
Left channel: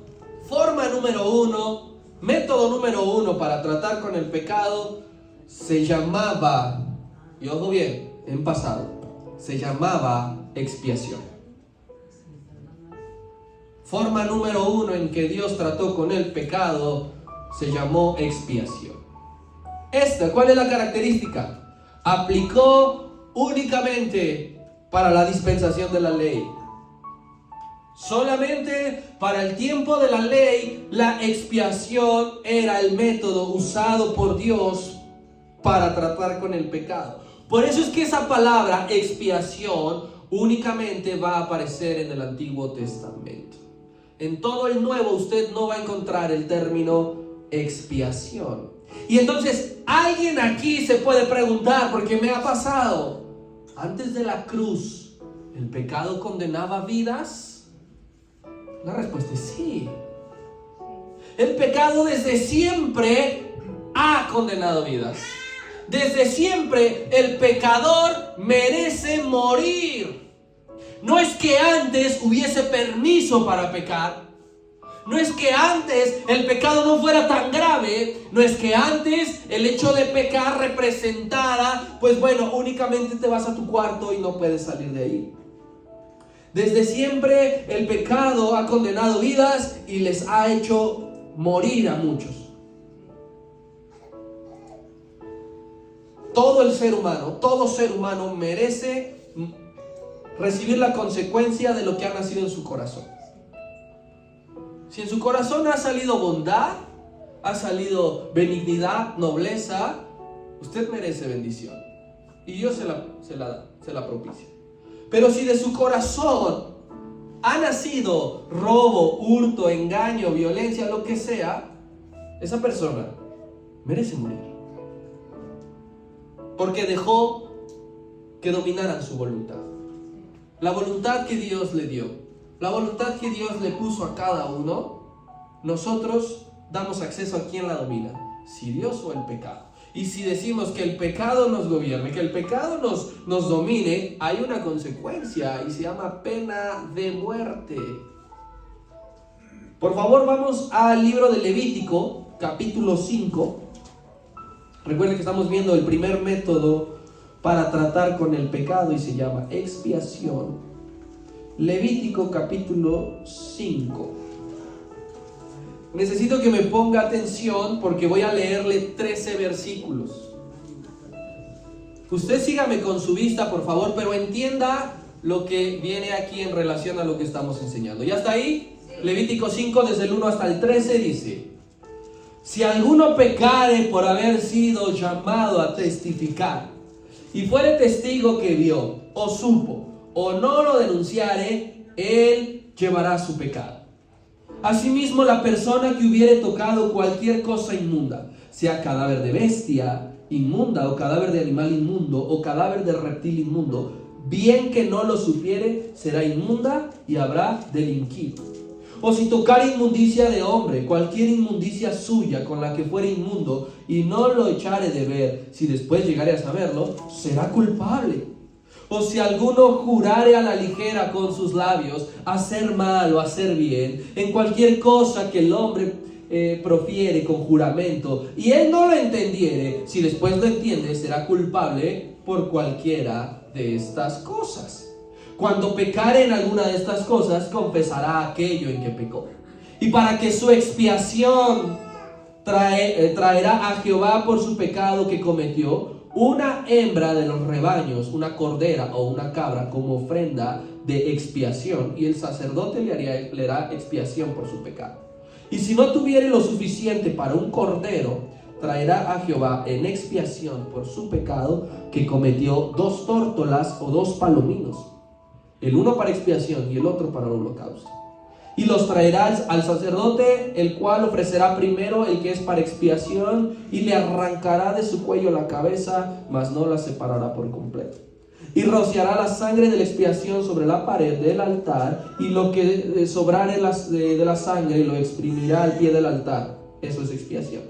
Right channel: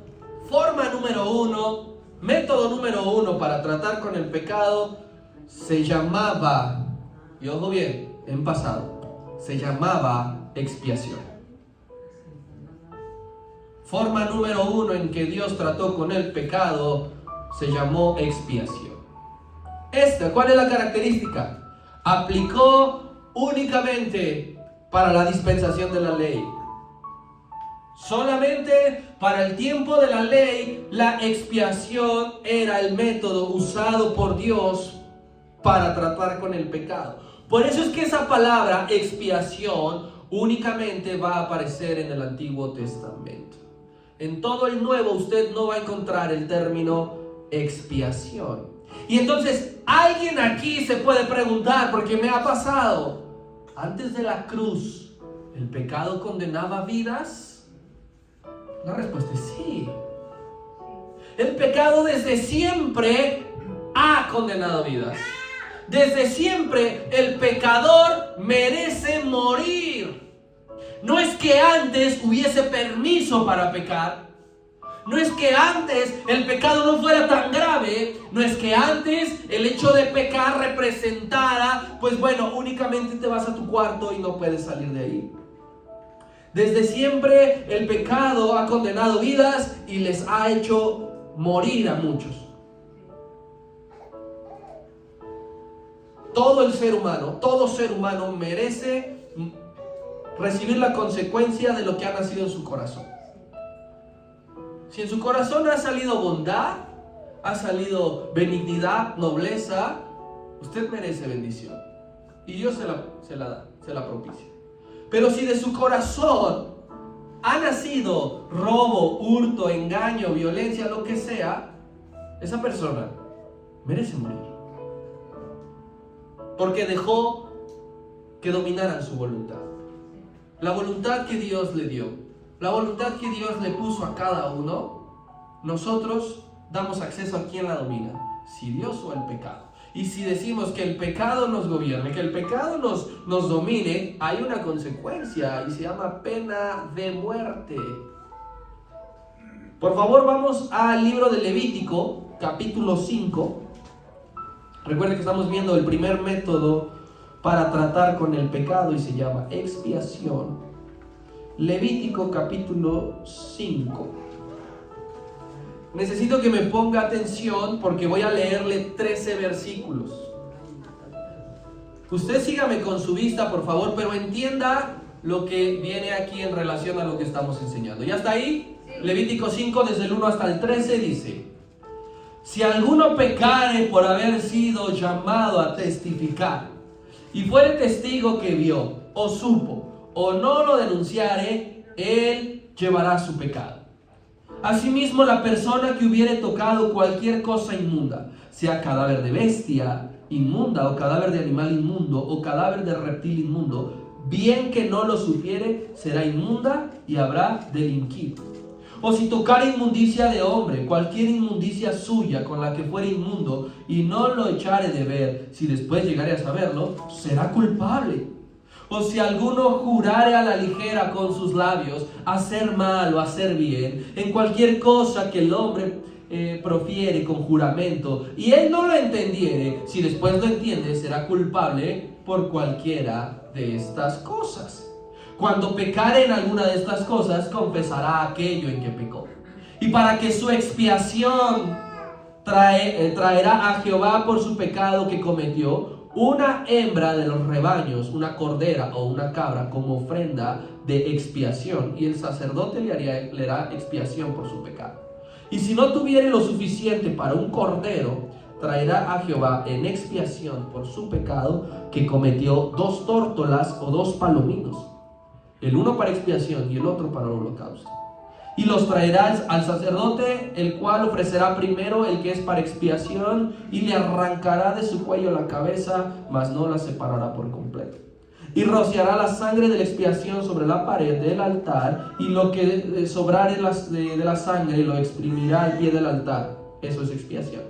forma número uno, método número uno para tratar con el pecado se llamaba, y ojo bien, en pasado, se llamaba expiación. Forma número uno en que Dios trató con el pecado se llamó expiación. ¿Cuál es la característica? Aplicó únicamente para la dispensación de la ley. Solamente para el tiempo de la ley, la expiación era el método usado por Dios para tratar con el pecado. Por eso es que esa palabra expiación únicamente va a aparecer en el Antiguo Testamento. En todo el Nuevo usted no va a encontrar el término expiación. Y entonces alguien aquí se puede preguntar, porque me ha pasado, antes de la cruz, ¿el pecado condenaba vidas? La respuesta es sí. El pecado desde siempre ha condenado vidas. Desde siempre el pecador merece morir. No es que antes hubiese permiso para pecar. No es que antes el pecado no fuera tan grave. No es que antes el hecho de pecar representara, pues bueno, únicamente te vas a tu cuarto y no puedes salir de ahí. Desde siempre el pecado ha condenado vidas y les ha hecho morir a muchos. todo ser humano merece recibir la consecuencia de lo que ha nacido en su corazón. Si en su corazón ha salido bondad, ha salido benignidad, nobleza, usted merece bendición. Y Dios se la propicia. Pero si de su corazón ha nacido robo, hurto, engaño, violencia, lo que sea, esa persona merece morir. Porque dejó que dominaran su voluntad. La voluntad que Dios le dio, la voluntad que Dios le puso a cada uno, nosotros damos acceso a quién la domina, si Dios o el pecado. Y si decimos que el pecado nos gobierne, que el pecado nos domine, hay una consecuencia y se llama pena de muerte. Por favor, vamos al libro de Levítico, capítulo 5. Recuerden que estamos viendo el primer método para tratar con el pecado y se llama expiación. Levítico, capítulo 5. Necesito que me ponga atención porque voy a leerle 13 versículos. Usted sígame con su vista, por favor, pero entienda lo que viene aquí en relación a lo que estamos enseñando. ¿Ya está ahí? Sí. Levítico 5, desde el 1 hasta el 13 dice: si alguno pecare por haber sido llamado a testificar, y fuere testigo que vio, o supo, o no lo denunciare, él llevará su pecado. Asimismo, la persona que hubiere tocado cualquier cosa inmunda, sea cadáver de bestia inmunda, o cadáver de animal inmundo, o cadáver de reptil inmundo, bien que no lo supiere, será inmunda y habrá delinquido. O si tocare inmundicia de hombre, cualquier inmundicia suya con la que fuere inmundo, y no lo echare de ver, si después llegare a saberlo, será culpable. O si alguno jurare a la ligera con sus labios hacer mal o hacer bien, en cualquier cosa que el hombre profiere con juramento, y él no lo entendiere, si después lo entiende, será culpable por cualquiera de estas cosas. Cuando pecare en alguna de estas cosas, confesará aquello en que pecó. Y para que su expiación traerá a Jehová por su pecado que cometió, una hembra de los rebaños, una cordera o una cabra como ofrenda de expiación, y el sacerdote le hará expiación por su pecado. Y si no tuviere lo suficiente para un cordero, traerá a Jehová en expiación por su pecado que cometió 2 tórtolas o 2 palominos, el uno para expiación y el otro para el holocausto. Y los traerá al sacerdote, el cual ofrecerá primero el que es para expiación, y le arrancará de su cuello la cabeza, mas no la separará por completo. Y rociará la sangre de la expiación sobre la pared del altar, y lo que sobrare de la sangre lo exprimirá al pie del altar. Eso es expiación.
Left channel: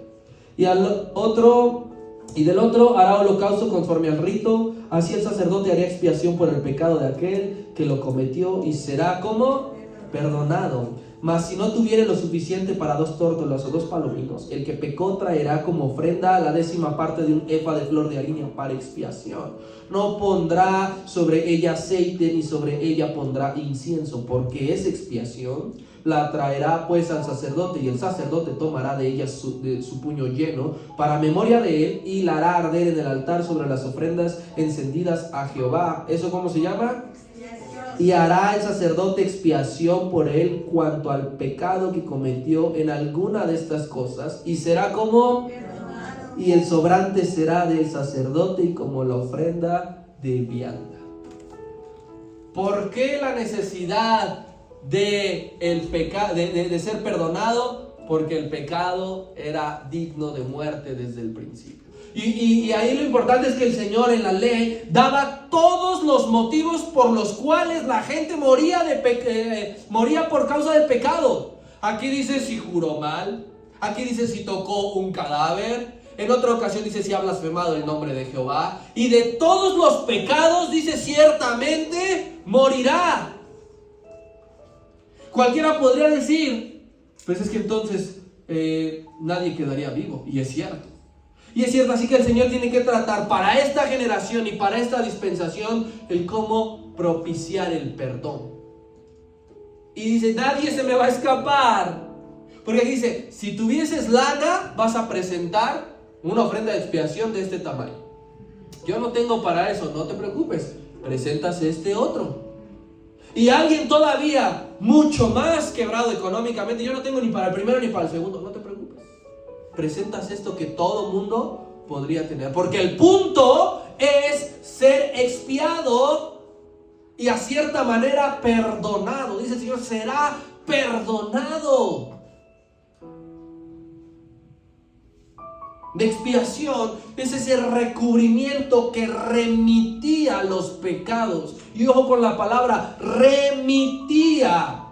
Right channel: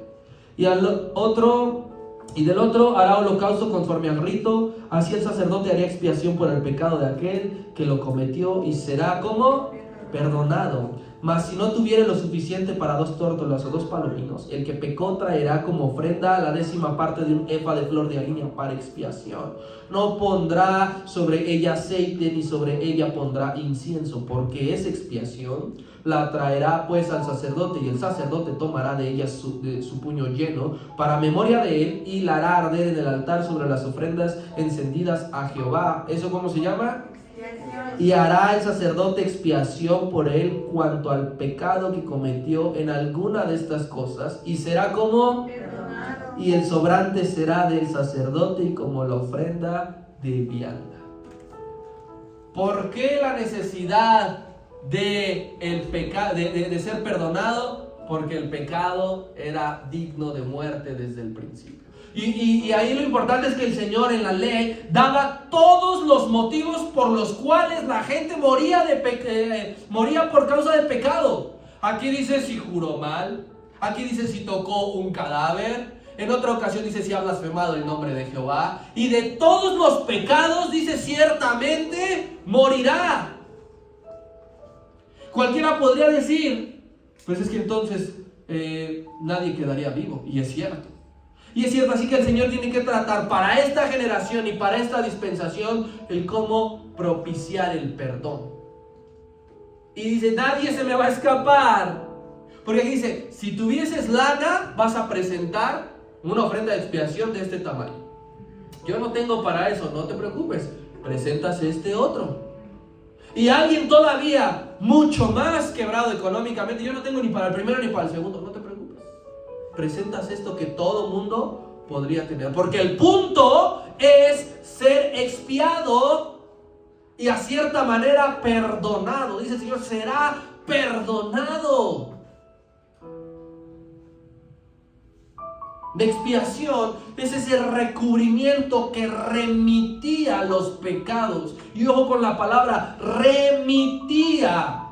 Y del otro hará holocausto conforme al rito. Así el sacerdote hará expiación por el pecado de aquel que lo cometió, y será como perdonado. Mas si no tuviere lo suficiente para 2 tórtolas o 2 palominos, el que pecó traerá como ofrenda la 10ª parte de un efa de flor de harina para expiación. No pondrá sobre ella aceite, ni sobre ella pondrá incienso, porque es expiación. La traerá pues al sacerdote, y el sacerdote tomará de ella de su puño lleno para memoria de él, y la hará arder en el altar sobre las ofrendas encendidas a Jehová. ¿Eso cómo se llama? Y hará el sacerdote expiación por él cuanto al pecado que cometió en alguna de estas cosas, y será como perdonado. Y el sobrante será del sacerdote y como la ofrenda de vianda. ¿Por qué la necesidad de ser perdonado? Porque el pecado era digno de muerte desde el principio. Y ahí lo importante es que el Señor en la ley daba todos los motivos por los cuales la gente moría por causa del pecado. Aquí dice si juró mal, aquí dice si tocó un cadáver, en otra ocasión dice si ha blasfemado el nombre de Jehová, y de todos los pecados dice ciertamente morirá. Cualquiera podría decir, pues es que entonces nadie quedaría vivo, y es cierto. Y es cierto, así que el Señor tiene que tratar para esta generación y para esta dispensación el cómo propiciar el perdón. Y dice, nadie se me va a escapar. Porque aquí dice, si tuvieses lana, vas a presentar una ofrenda de expiación de este tamaño. yo no tengo para eso, no te preocupes, presentas este otro. Y alguien todavía mucho más quebrado económicamente, yo no tengo ni para el primero ni para el segundo, no te preocupes, presentas esto que todo mundo podría tener, porque el punto es ser expiado y a cierta manera perdonado. Dice el Señor, será perdonado. De expiación es ese recubrimiento que remitía los pecados. Y ojo con la palabra remitía,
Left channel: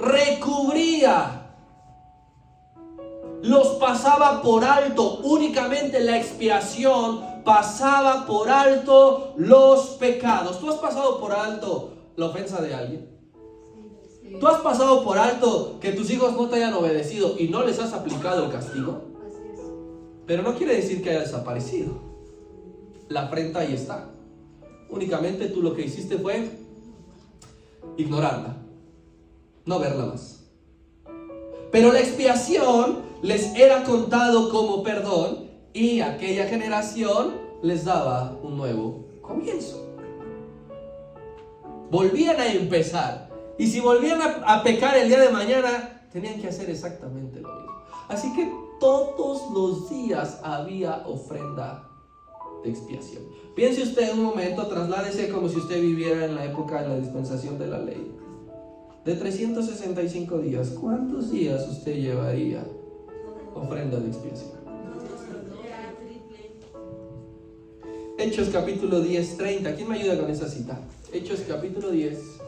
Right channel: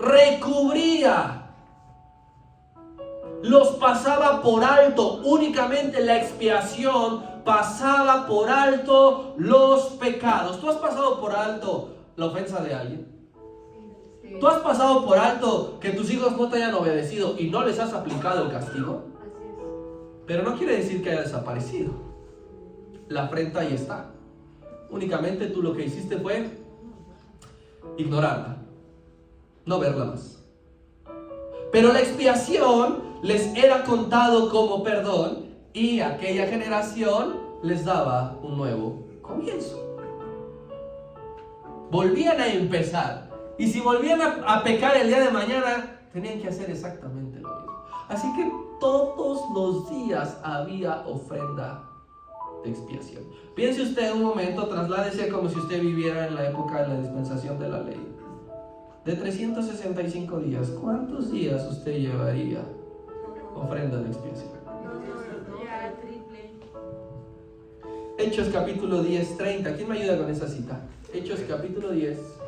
recubría. Los pasaba por alto. Únicamente la expiación pasaba por alto los pecados. ¿Tú has pasado por alto la ofensa de alguien? ¿Tú has pasado por alto que tus hijos no te hayan obedecido y no les has aplicado el castigo? Pero no quiere decir que haya desaparecido. La afrenta ahí está. Únicamente tú lo que hiciste fue ignorarla, no verla más. Pero la expiación les era contado como perdón y aquella generación les daba un nuevo comienzo. Volvían a empezar. Y si volvían a pecar el día de mañana, tenían que hacer exactamente lo mismo. Así que todos los días había ofrenda de expiación. Piense usted un momento, trasládese como si usted viviera en la época de la dispensación de la ley. De 365 días, ¿cuántos días usted llevaría ofrenda de expiación? Hechos capítulo 10, 30. ¿Quién me ayuda con esa cita? Hechos capítulo 10.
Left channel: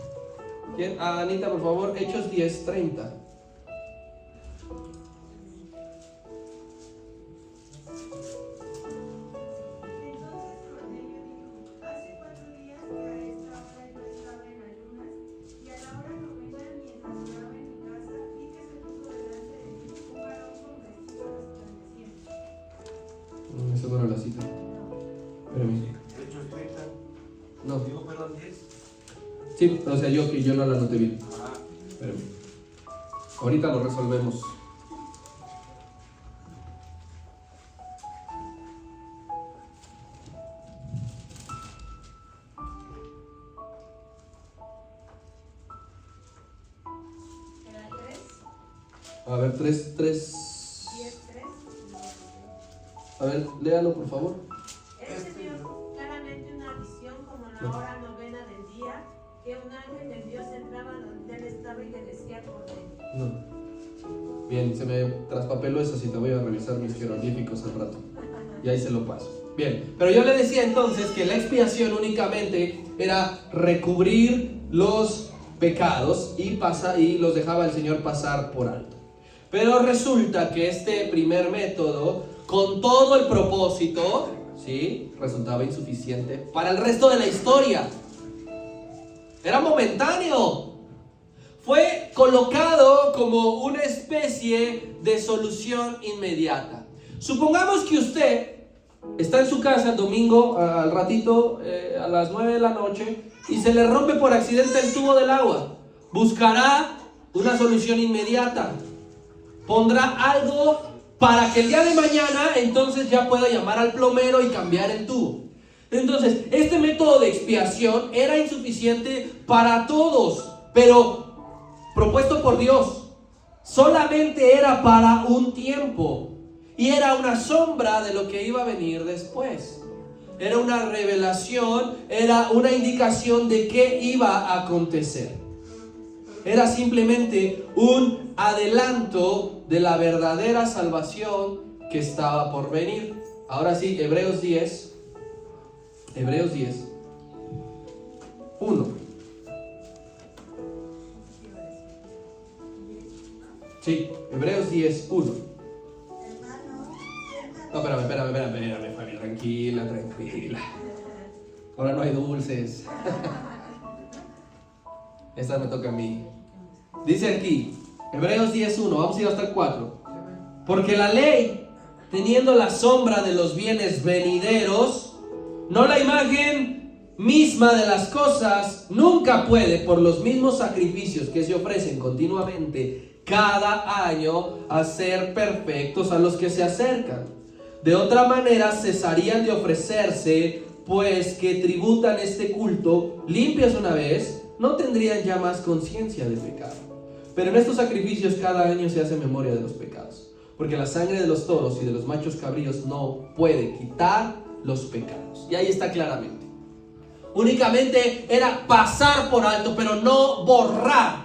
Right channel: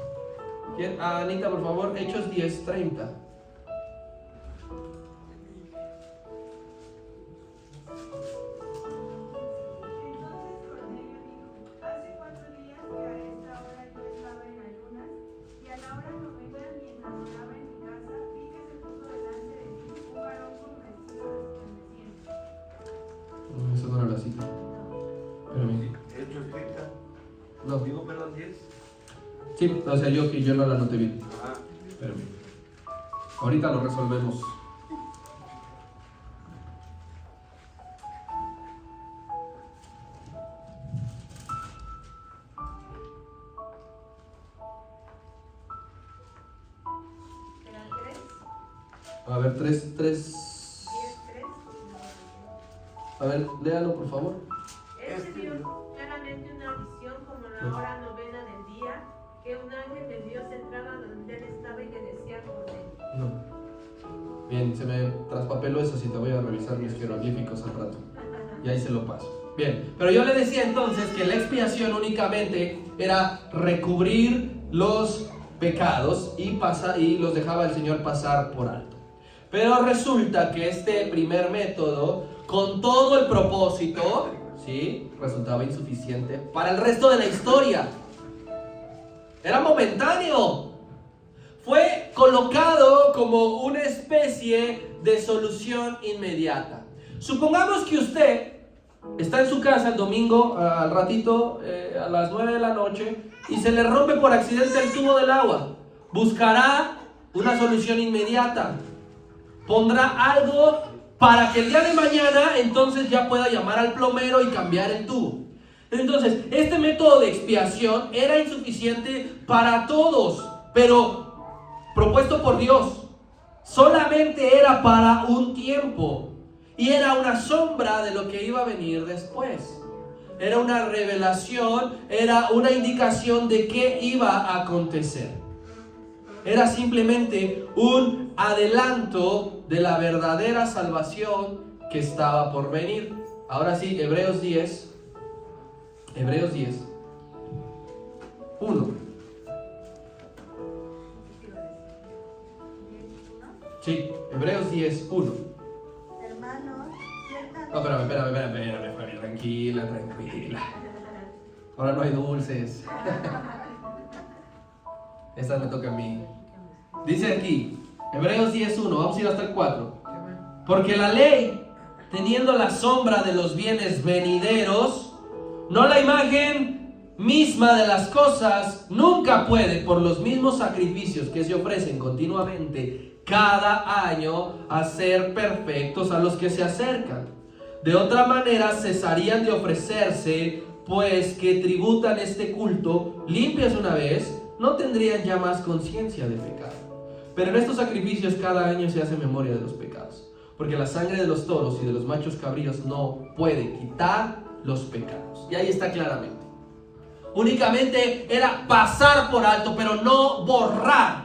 ¿Quién? Anita, por favor. Hechos 10, 30. Eso no era la cita. Espérame. Hechos 30. No. Digo, perdón, 10. Sí, o sea, yo no la noté bien. Ah. Espérame. Ahorita lo resolvemos. A ver, 3. A ver, léalo por favor. Él se vio claramente una visión como la hora novena del día, que un ángel de Dios entraba donde él estaba y que decía por él. No. Bien, se me traspapeló esa cita, voy a revisar mis jeroglíficos al rato. Y ahí se lo paso. Bien, pero yo le decía entonces que la expiación únicamente era recubrir los pecados y los dejaba el Señor pasar por alto. Pero resulta que este primer método, con todo el propósito, ¿sí?, resultaba insuficiente para el resto de la historia. Era momentáneo. Fue colocado como una especie de solución inmediata. Supongamos que usted está en su casa el domingo, al ratito, a las 9 de la noche, y se le rompe por accidente el tubo del agua. Buscará una solución inmediata. Pondrá algo para que el día de mañana entonces ya pueda llamar al plomero y cambiar el tubo. Entonces, este método de expiación era insuficiente para todos, pero propuesto por Dios, solamente era para un tiempo y era una sombra de lo que iba a venir después. Era una revelación, era una indicación de qué iba a acontecer. Era simplemente un adelanto de la verdadera salvación que estaba por venir. Ahora sí, Hebreos 10, 1. Sí, Hebreos 10, 1. Hermanos, No, espérame, Fabi, tranquila. Ahora no hay dulces. Esta me toca a mí. Dice aquí, Hebreos 10:1, vamos a ir hasta el 4. Porque la ley, teniendo la sombra de los bienes venideros, no la imagen misma de las cosas, nunca puede, por los mismos sacrificios que se ofrecen continuamente cada año, hacer perfectos a los que se acercan. De otra manera cesarían de ofrecerse pues que tributan este culto, limpios una vez, no tendrían ya más conciencia de pecado. Pero en estos sacrificios cada año se hace memoria de los pecados, porque la sangre de los toros y de los machos cabríos no puede quitar los pecados. Y ahí está claramente. Únicamente era pasar por alto, pero no borrar,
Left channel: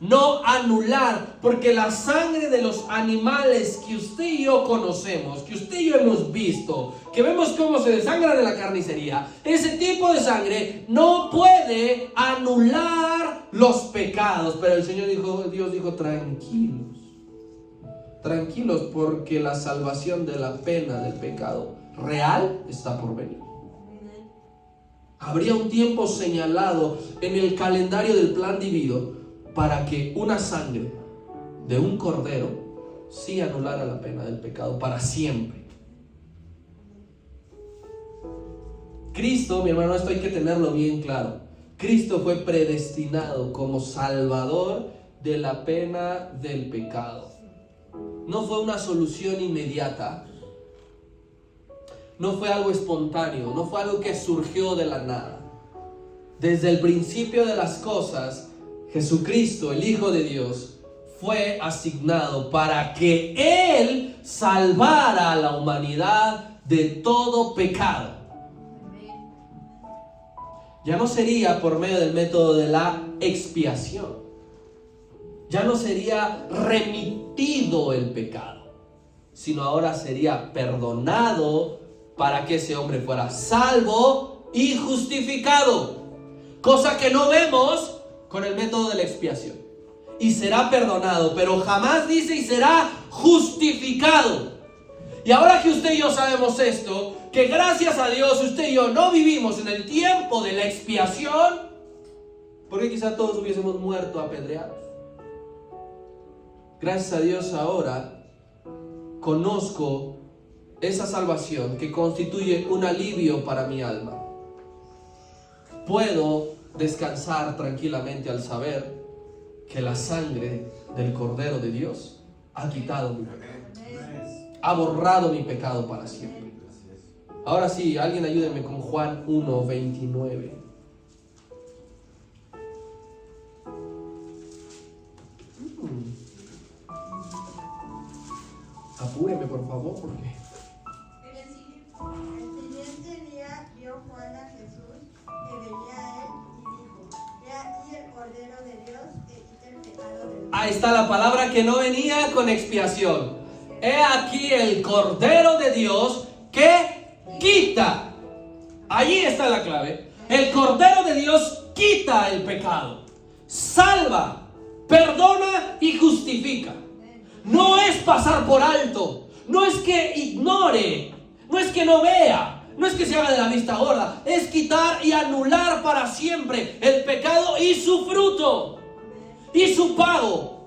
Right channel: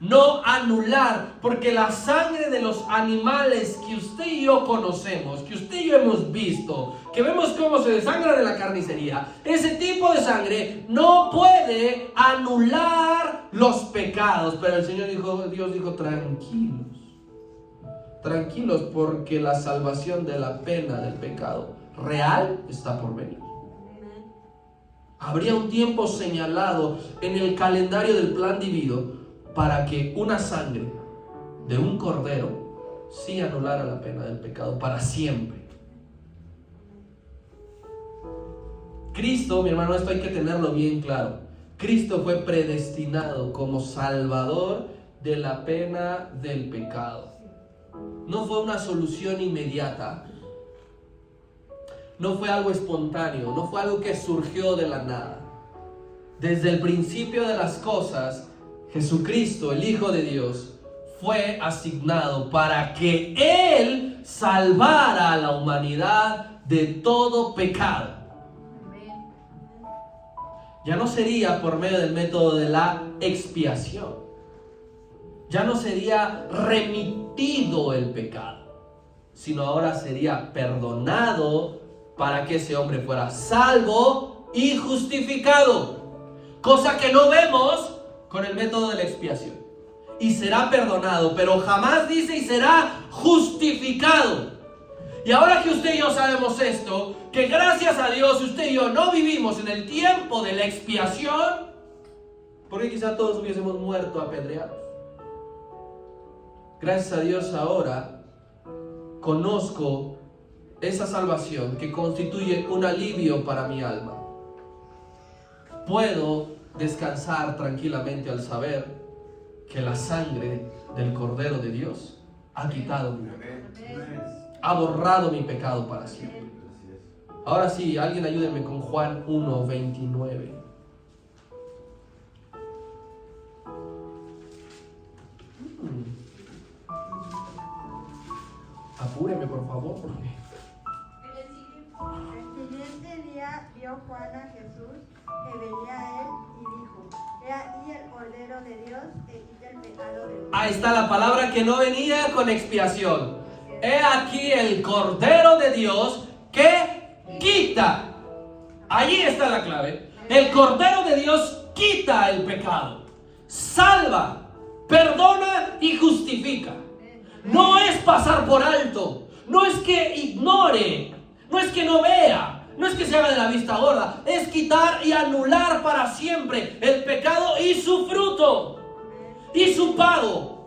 no anular, porque la sangre de los animales que usted y yo conocemos, que usted y yo hemos visto, que vemos cómo se desangran en la carnicería, ese tipo de sangre no puede anular los pecados. Pero el Señor dijo, Dios dijo, tranquilos, porque la salvación de la pena del pecado real está por venir. Habría un tiempo señalado en el calendario del plan divino para que una sangre de un cordero sí anulara la pena del pecado para siempre. Cristo, mi hermano, esto hay que tenerlo bien claro. Cristo fue predestinado como salvador de la pena del pecado. No fue una solución inmediata. No fue algo espontáneo, no fue algo que surgió de la nada. Desde el principio de las cosas, Jesucristo, el Hijo de Dios, fue asignado para que Él salvara a la humanidad de todo pecado. Ya no sería por medio del método de la expiación. Ya no sería remitido el pecado, sino ahora sería perdonado para que ese hombre fuera salvo y justificado, cosa que no vemos con el método de la expiación. Y será perdonado, pero jamás dice y será justificado. Y ahora que usted y yo sabemos esto, que gracias a Dios usted y yo no vivimos en el tiempo de la expiación, porque quizá todos hubiésemos muerto apedreados. Gracias a Dios ahora conozco esa salvación que constituye un alivio para mi alma. Puedo descansar tranquilamente al saber que la sangre del Cordero de Dios ha quitado mi pecado, ha borrado mi pecado para siempre. Ahora sí, alguien ayúdeme con Juan 1:29. Apúreme, por favor, porque... El siguiente día vio Juan a Jesús que venía a él y dijo: He aquí el Cordero de Dios que quita el pecado del mundo. Ahí está la palabra que no venía con expiación. He aquí el Cordero de Dios que quita. Allí está la clave. El Cordero de Dios quita el pecado, salva, perdona y justifica. No es pasar por alto, no es que ignore, no es que no vea, no es que se haga de la vista gorda, es quitar y anular para siempre el pecado y su fruto y su pago.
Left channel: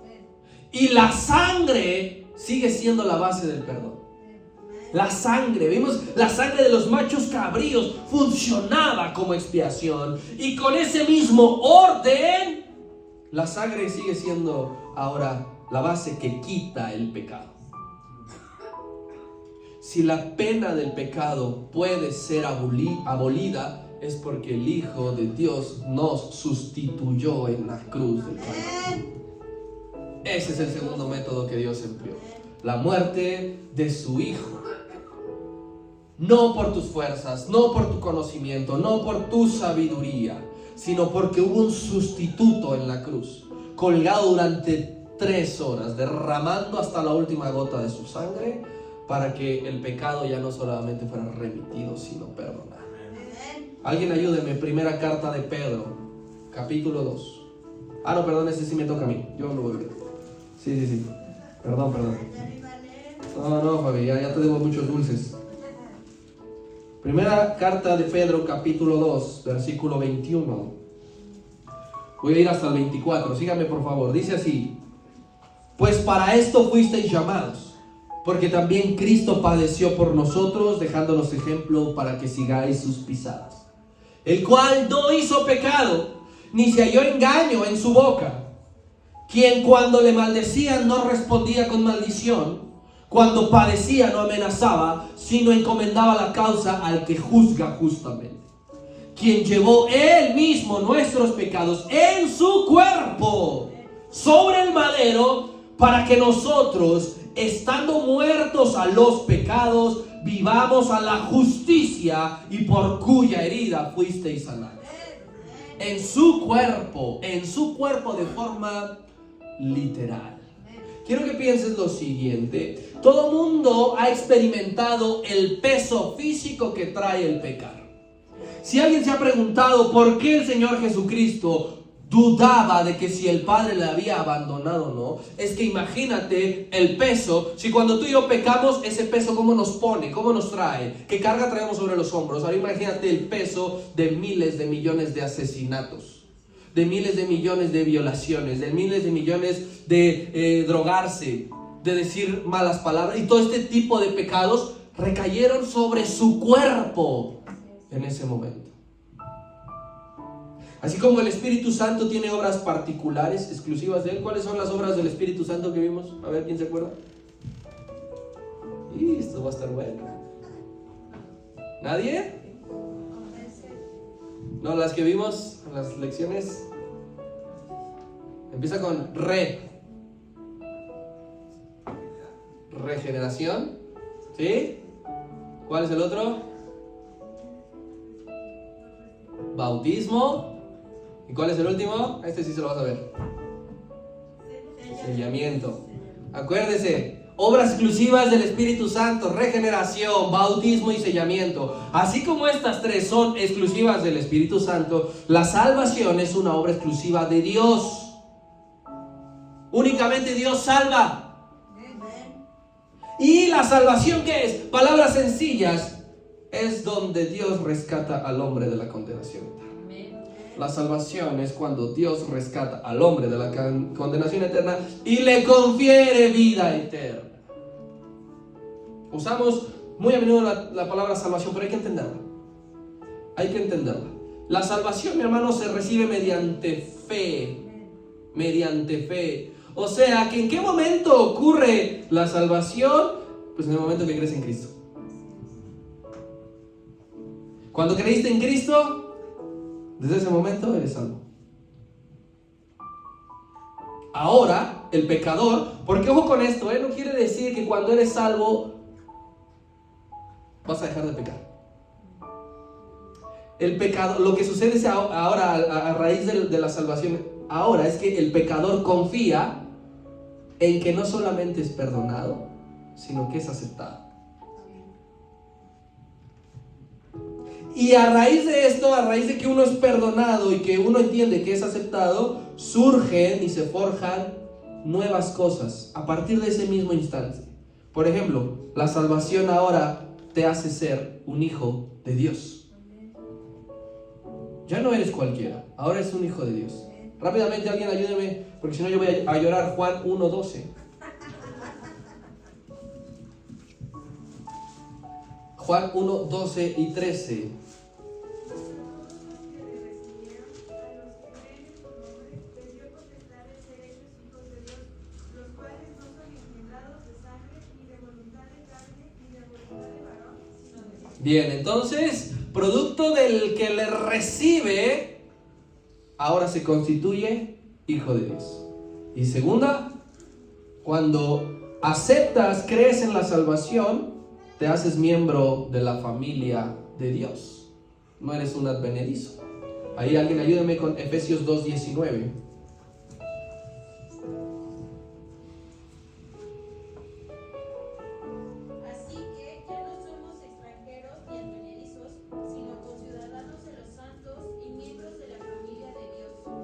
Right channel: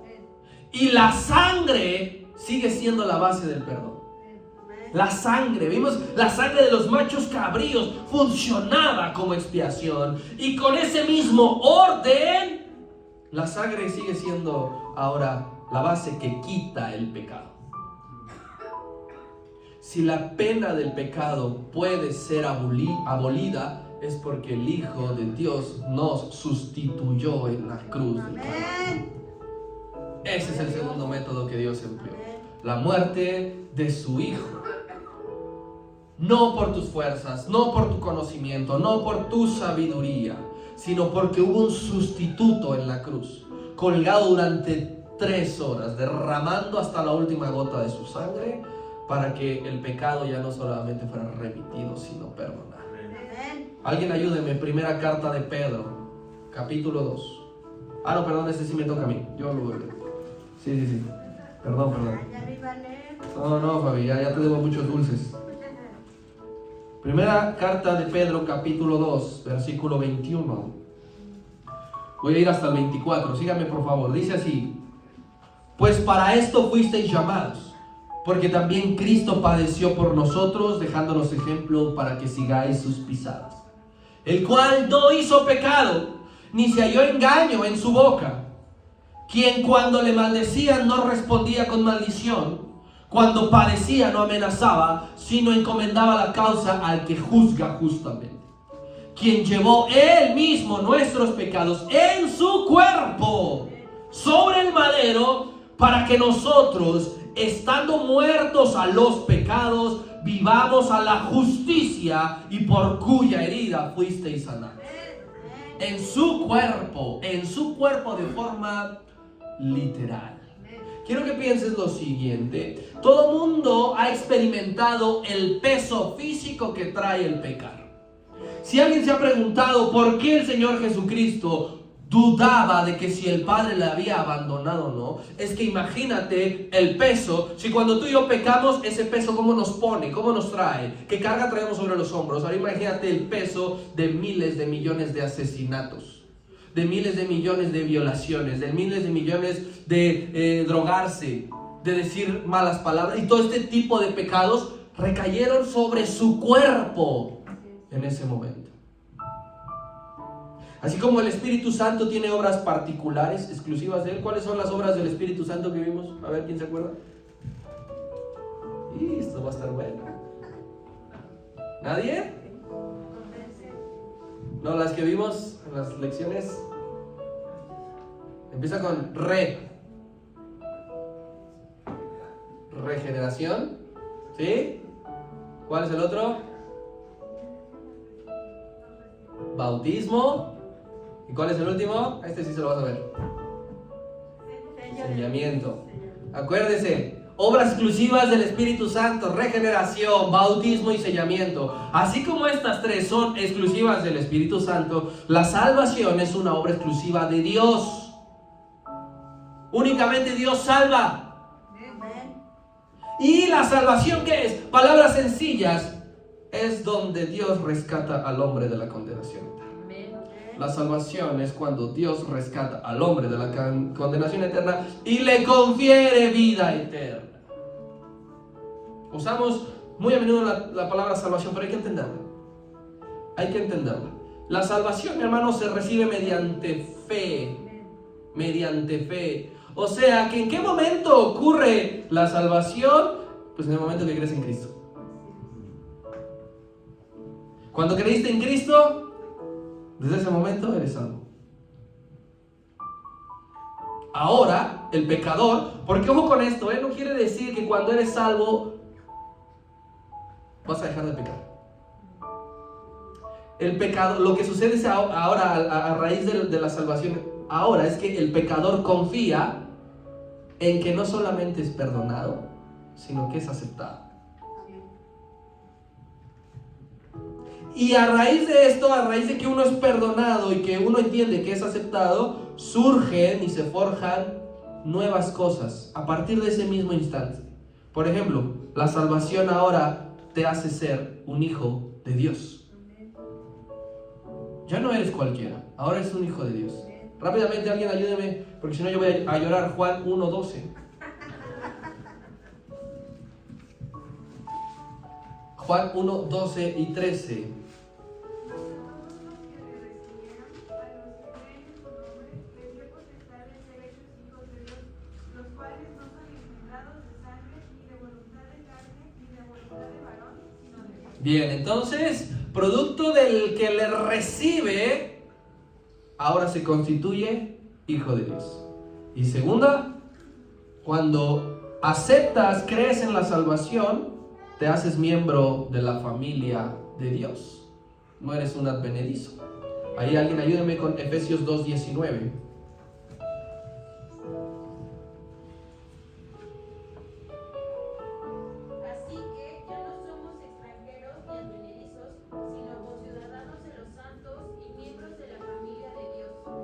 Y la sangre sigue siendo la base del perdón. La sangre, vimos, la sangre de los machos cabríos funcionaba como expiación, y con ese mismo orden la sangre sigue siendo ahora la base que quita el pecado. Si la pena del pecado puede ser abolida, es porque el Hijo de Dios nos sustituyó en la cruz del Calvario. Ese es el segundo método que Dios empleó: la muerte de su Hijo. No por tus fuerzas, no por tu conocimiento, no por tu sabiduría, sino porque hubo un sustituto en la cruz, colgado durante 3 horas, derramando hasta la última gota de su sangre, para que el pecado ya no solamente fuera remitido, sino perdonado. Alguien ayúdeme, primera carta de Pedro, capítulo 2. Ah, no, perdón, ese sí me toca a mí. Yo lo voy a leer. Sí. Perdón. No, Fabi, ya te debo muchos dulces. Primera carta de Pedro, capítulo 2, versículo 21. Voy a ir hasta el 24. Síganme, por favor. Dice así: pues para esto fuisteis llamados, porque también Cristo padeció por nosotros, dejándonos ejemplo para que sigáis sus pisadas, el cual no hizo pecado, ni se halló engaño en su boca, quien cuando le maldecían no respondía con maldición, Cuando padecía no amenazaba, sino encomendaba la causa al que juzga justamente, quien llevó él mismo nuestros pecados en su cuerpo sobre el madero, para que nosotros, estando muertos a los pecados, vivamos a la justicia, y por cuya herida fuisteis sanados. En su cuerpo de forma literal. Quiero que pienses lo siguiente: todo mundo ha experimentado el peso físico que trae el pecado. Si alguien se ha preguntado por qué el Señor Jesucristo dudaba de que si el Padre le había abandonado o no, es que imagínate el peso. Si cuando tú y yo pecamos, ese peso cómo nos pone, cómo nos trae, qué carga traemos sobre los hombros. Ahora imagínate el peso de miles de millones de asesinatos, de miles de millones de violaciones, de miles de millones de drogarse, de decir malas palabras, y todo este tipo de pecados recayeron sobre su cuerpo en ese momento. Así como el Espíritu Santo tiene obras particulares, exclusivas de Él. ¿Cuáles son las obras del Espíritu Santo que vimos? A ver, ¿quién se acuerda? Y esto va a estar bueno. ¿Nadie? No, las que vimos en las lecciones. Empieza con regeneración. ¿Sí? ¿Cuál es el otro? Bautismo. ¿Y cuál es el último? Este sí se lo vas a ver. Sellamiento. Acuérdese, obras exclusivas del Espíritu Santo: regeneración, bautismo y sellamiento. Así como estas tres son exclusivas del Espíritu Santo, la salvación es una obra exclusiva de Dios. Únicamente Dios salva. ¿Y la salvación qué es? Palabras sencillas: es donde Dios rescata al hombre de la condenación eterna. La salvación es cuando Dios rescata al hombre de la condenación eterna y le confiere vida eterna. Usamos muy a menudo la palabra salvación, pero hay que entenderla. Hay que entenderla. La salvación, mi hermano, se recibe mediante fe. Mediante fe. O sea, que ¿en qué momento ocurre la salvación? Pues en el momento que crees en Cristo. Cuando creíste en Cristo, desde ese momento eres salvo. Ahora, el pecador, porque ojo con esto, no quiere decir que cuando eres salvo vas a dejar de pecar. El pecado, lo que sucede es ahora a raíz de la salvación, ahora es que el pecador confía en que no solamente es perdonado, sino que es aceptado. Y a raíz de esto, a raíz de que uno es perdonado y que uno entiende que es aceptado, surgen y se forjan nuevas cosas a partir de ese mismo instante. Por ejemplo, la salvación ahora te hace ser un hijo de Dios. Ya no eres cualquiera, ahora eres un hijo de Dios. Rápidamente alguien ayúdeme, porque si no yo voy a llorar. Juan 1:12. Juan 1:12 y 13. Bien, entonces, producto del que le recibe, ahora se constituye hijo de Dios. Y segunda, cuando aceptas, crees en la salvación, te haces miembro de la familia de Dios. No eres un advenedizo. Ahí alguien ayúdeme con Efesios 2:19.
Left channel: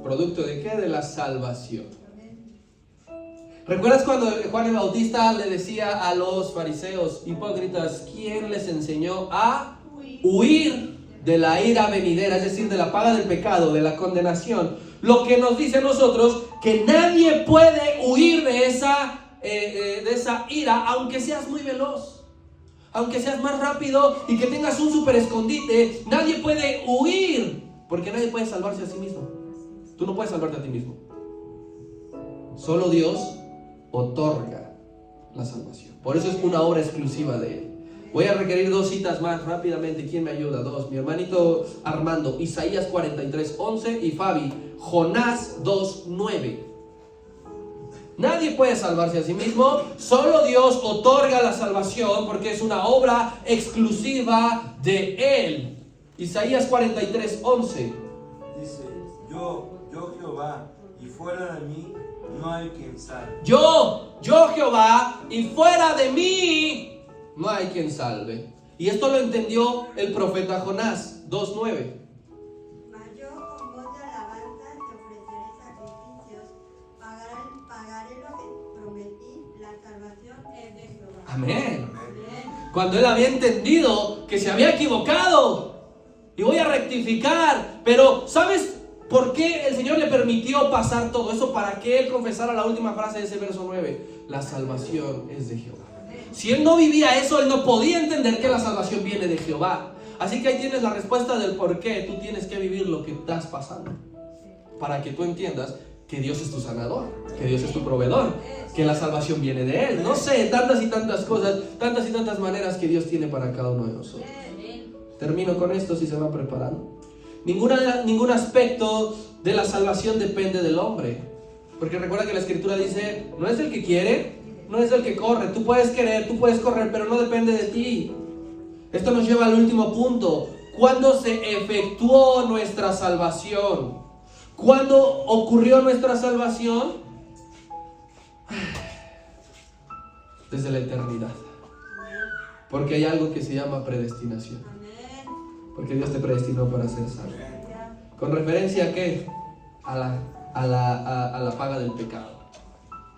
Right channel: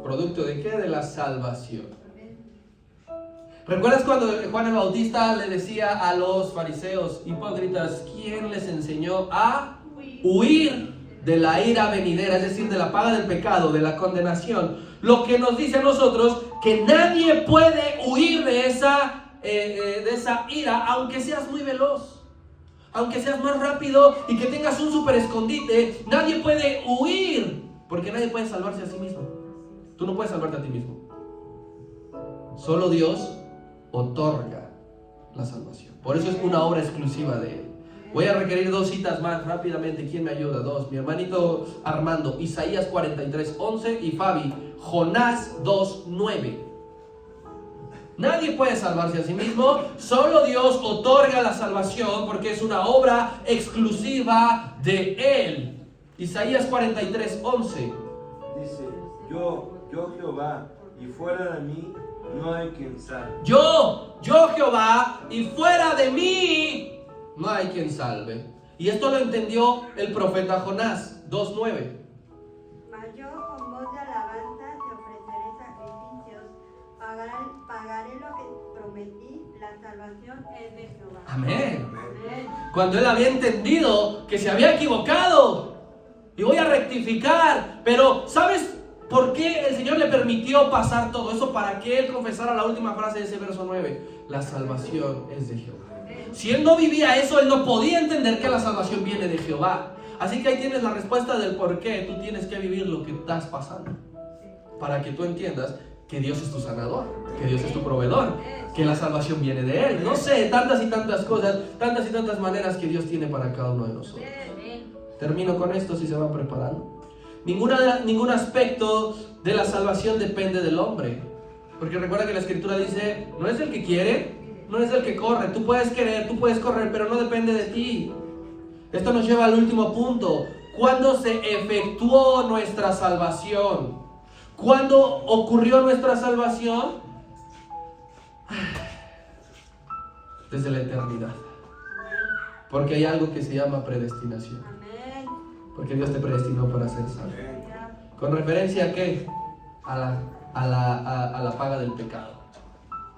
¿Producto de qué? De la salvación. ¿Recuerdas cuando Juan el Bautista le decía a los fariseos hipócritas, ¿quién les enseñó a huir de la ira venidera? Es decir, de la paga del pecado, de la condenación. Lo que nos dice a nosotros, que nadie puede huir de esa ira, aunque seas muy veloz, aunque seas más rápido y que tengas un super escondite. Nadie puede huir, porque nadie puede salvarse a sí mismo. Tú no puedes salvarte a ti mismo. Solo Dios otorga la salvación. Por eso es una obra exclusiva de Él. Voy a requerir 2 citas más rápidamente. ¿Quién me ayuda? 2. Mi hermanito Armando, Isaías 43:11 y Fabi, Jonás 2:9. Nadie puede salvarse a sí mismo, solo Dios otorga la salvación porque es una obra exclusiva de Él. Isaías 43:11. Dice, yo Jehová, y fuera de mí no hay quien salve. Yo Jehová, y fuera de mí no hay quien salve. Y esto lo entendió el profeta Jonás 2:9. Mas yo con voz de alabanza te ofreceré sacrificios, pagaré lo que prometí, la salvación es de Jehová. Amén. Cuando él había entendido que se había equivocado y voy a rectificar, pero ¿sabes por qué el Señor le permitió pasar todo eso? Para que él confesara la última frase de ese verso 9: la salvación es de Jehová. Si él no vivía eso, él no podía entender que la salvación viene de Jehová. Así que ahí tienes la respuesta del por qué tú tienes que vivir lo que estás pasando, para que tú entiendas que Dios es tu sanador, que Dios es tu proveedor, que la salvación viene de Él. No sé, tantas y tantas cosas, tantas y tantas maneras que Dios tiene para cada uno de nosotros. Termino con esto si se van preparando. Ningún aspecto de la salvación depende del hombre, porque recuerda que la Escritura dice, no es el que quiere, no es el que corre. Tú puedes querer, tú puedes correr, pero no depende de ti. Esto nos lleva al último punto. ¿Cuándo se efectuó nuestra salvación? ¿Cuándo ocurrió nuestra salvación? Desde la eternidad. Porque hay algo que se llama predestinación. Porque Dios te predestinó para ser salvo. ¿Con referencia a qué? A la paga del pecado.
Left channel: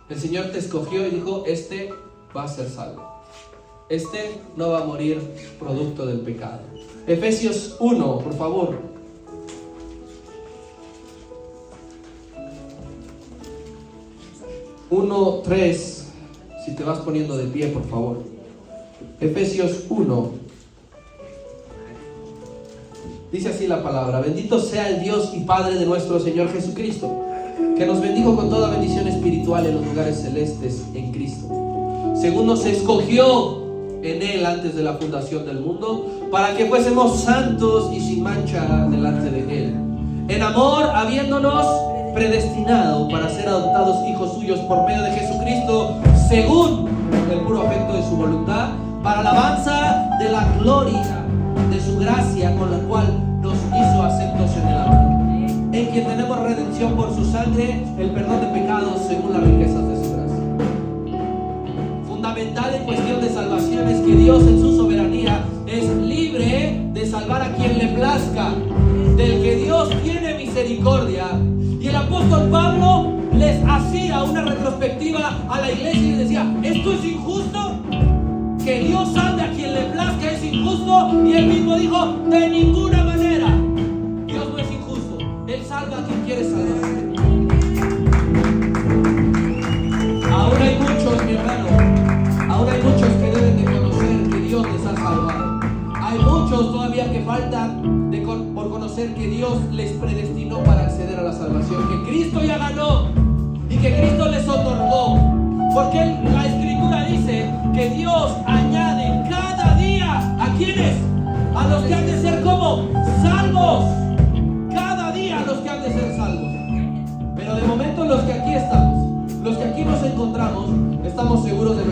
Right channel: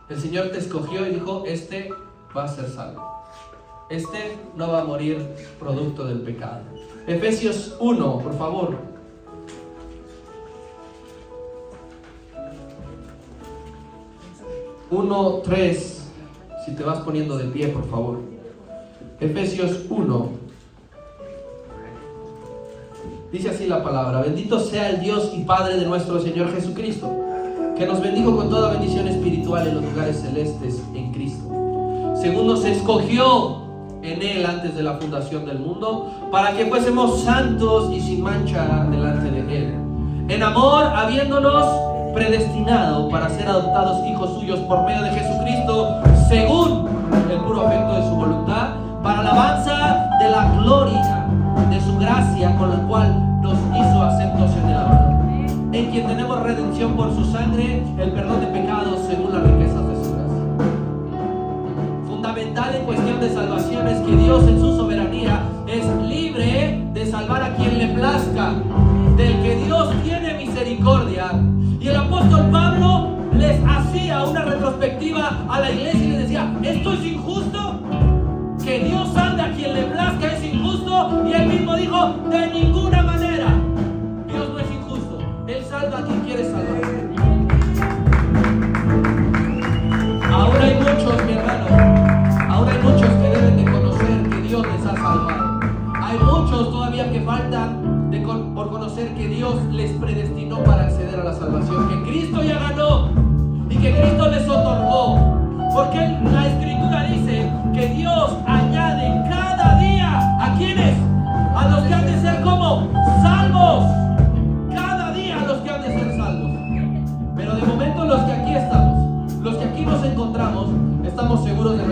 El Señor te escogió y dijo, este va a ser salvo. Este no va a morir producto del pecado. Efesios 1, por favor. Uno, 3. Si te vas poniendo de pie, por favor. Efesios 1. Dice así la palabra: bendito sea el Dios y Padre de nuestro Señor Jesucristo, que nos bendijo con toda bendición espiritual en los lugares celestes en Cristo, según nos escogió en Él antes de la fundación del mundo, para que fuésemos santos y sin mancha delante de Él, en amor, habiéndonos predestinado para ser adoptados hijos suyos por medio de Jesucristo, según el puro afecto de su voluntad, para alabanza de la gloria de su gracia, con la cual nos hizo aceptos en el amor, en quien tenemos redención por su sangre, el perdón de pecados según las riquezas de su gracia. Fundamental en cuestión de salvación es que Dios en su soberanía es libre de salvar a quien le plazca, del que Dios tiene misericordia. Y el apóstol Pablo les hacía una retrospectiva a la iglesia y les decía: ¿esto es injusto? Que Dios salve a quien le plazca es injusto. Y él mismo dijo: de ninguna manera. Dios no es injusto, Él salva a quien quiere salvar. Ahora hay muchos, mi hermano, ahora hay muchos que deben de conocer que Dios les ha salvado. Hay muchos todavía que faltan por conocer que Dios les predestinó para acceder a la salvación, que Cristo ya ganó y que Cristo les otorgó. Porque la Escritura dice que Dios añade cada día ¿a quiénes? A los que han de ser como salvos. Cada día a los que han de ser salvos. Pero de momento los que aquí estamos, los que aquí nos encontramos, estamos seguros de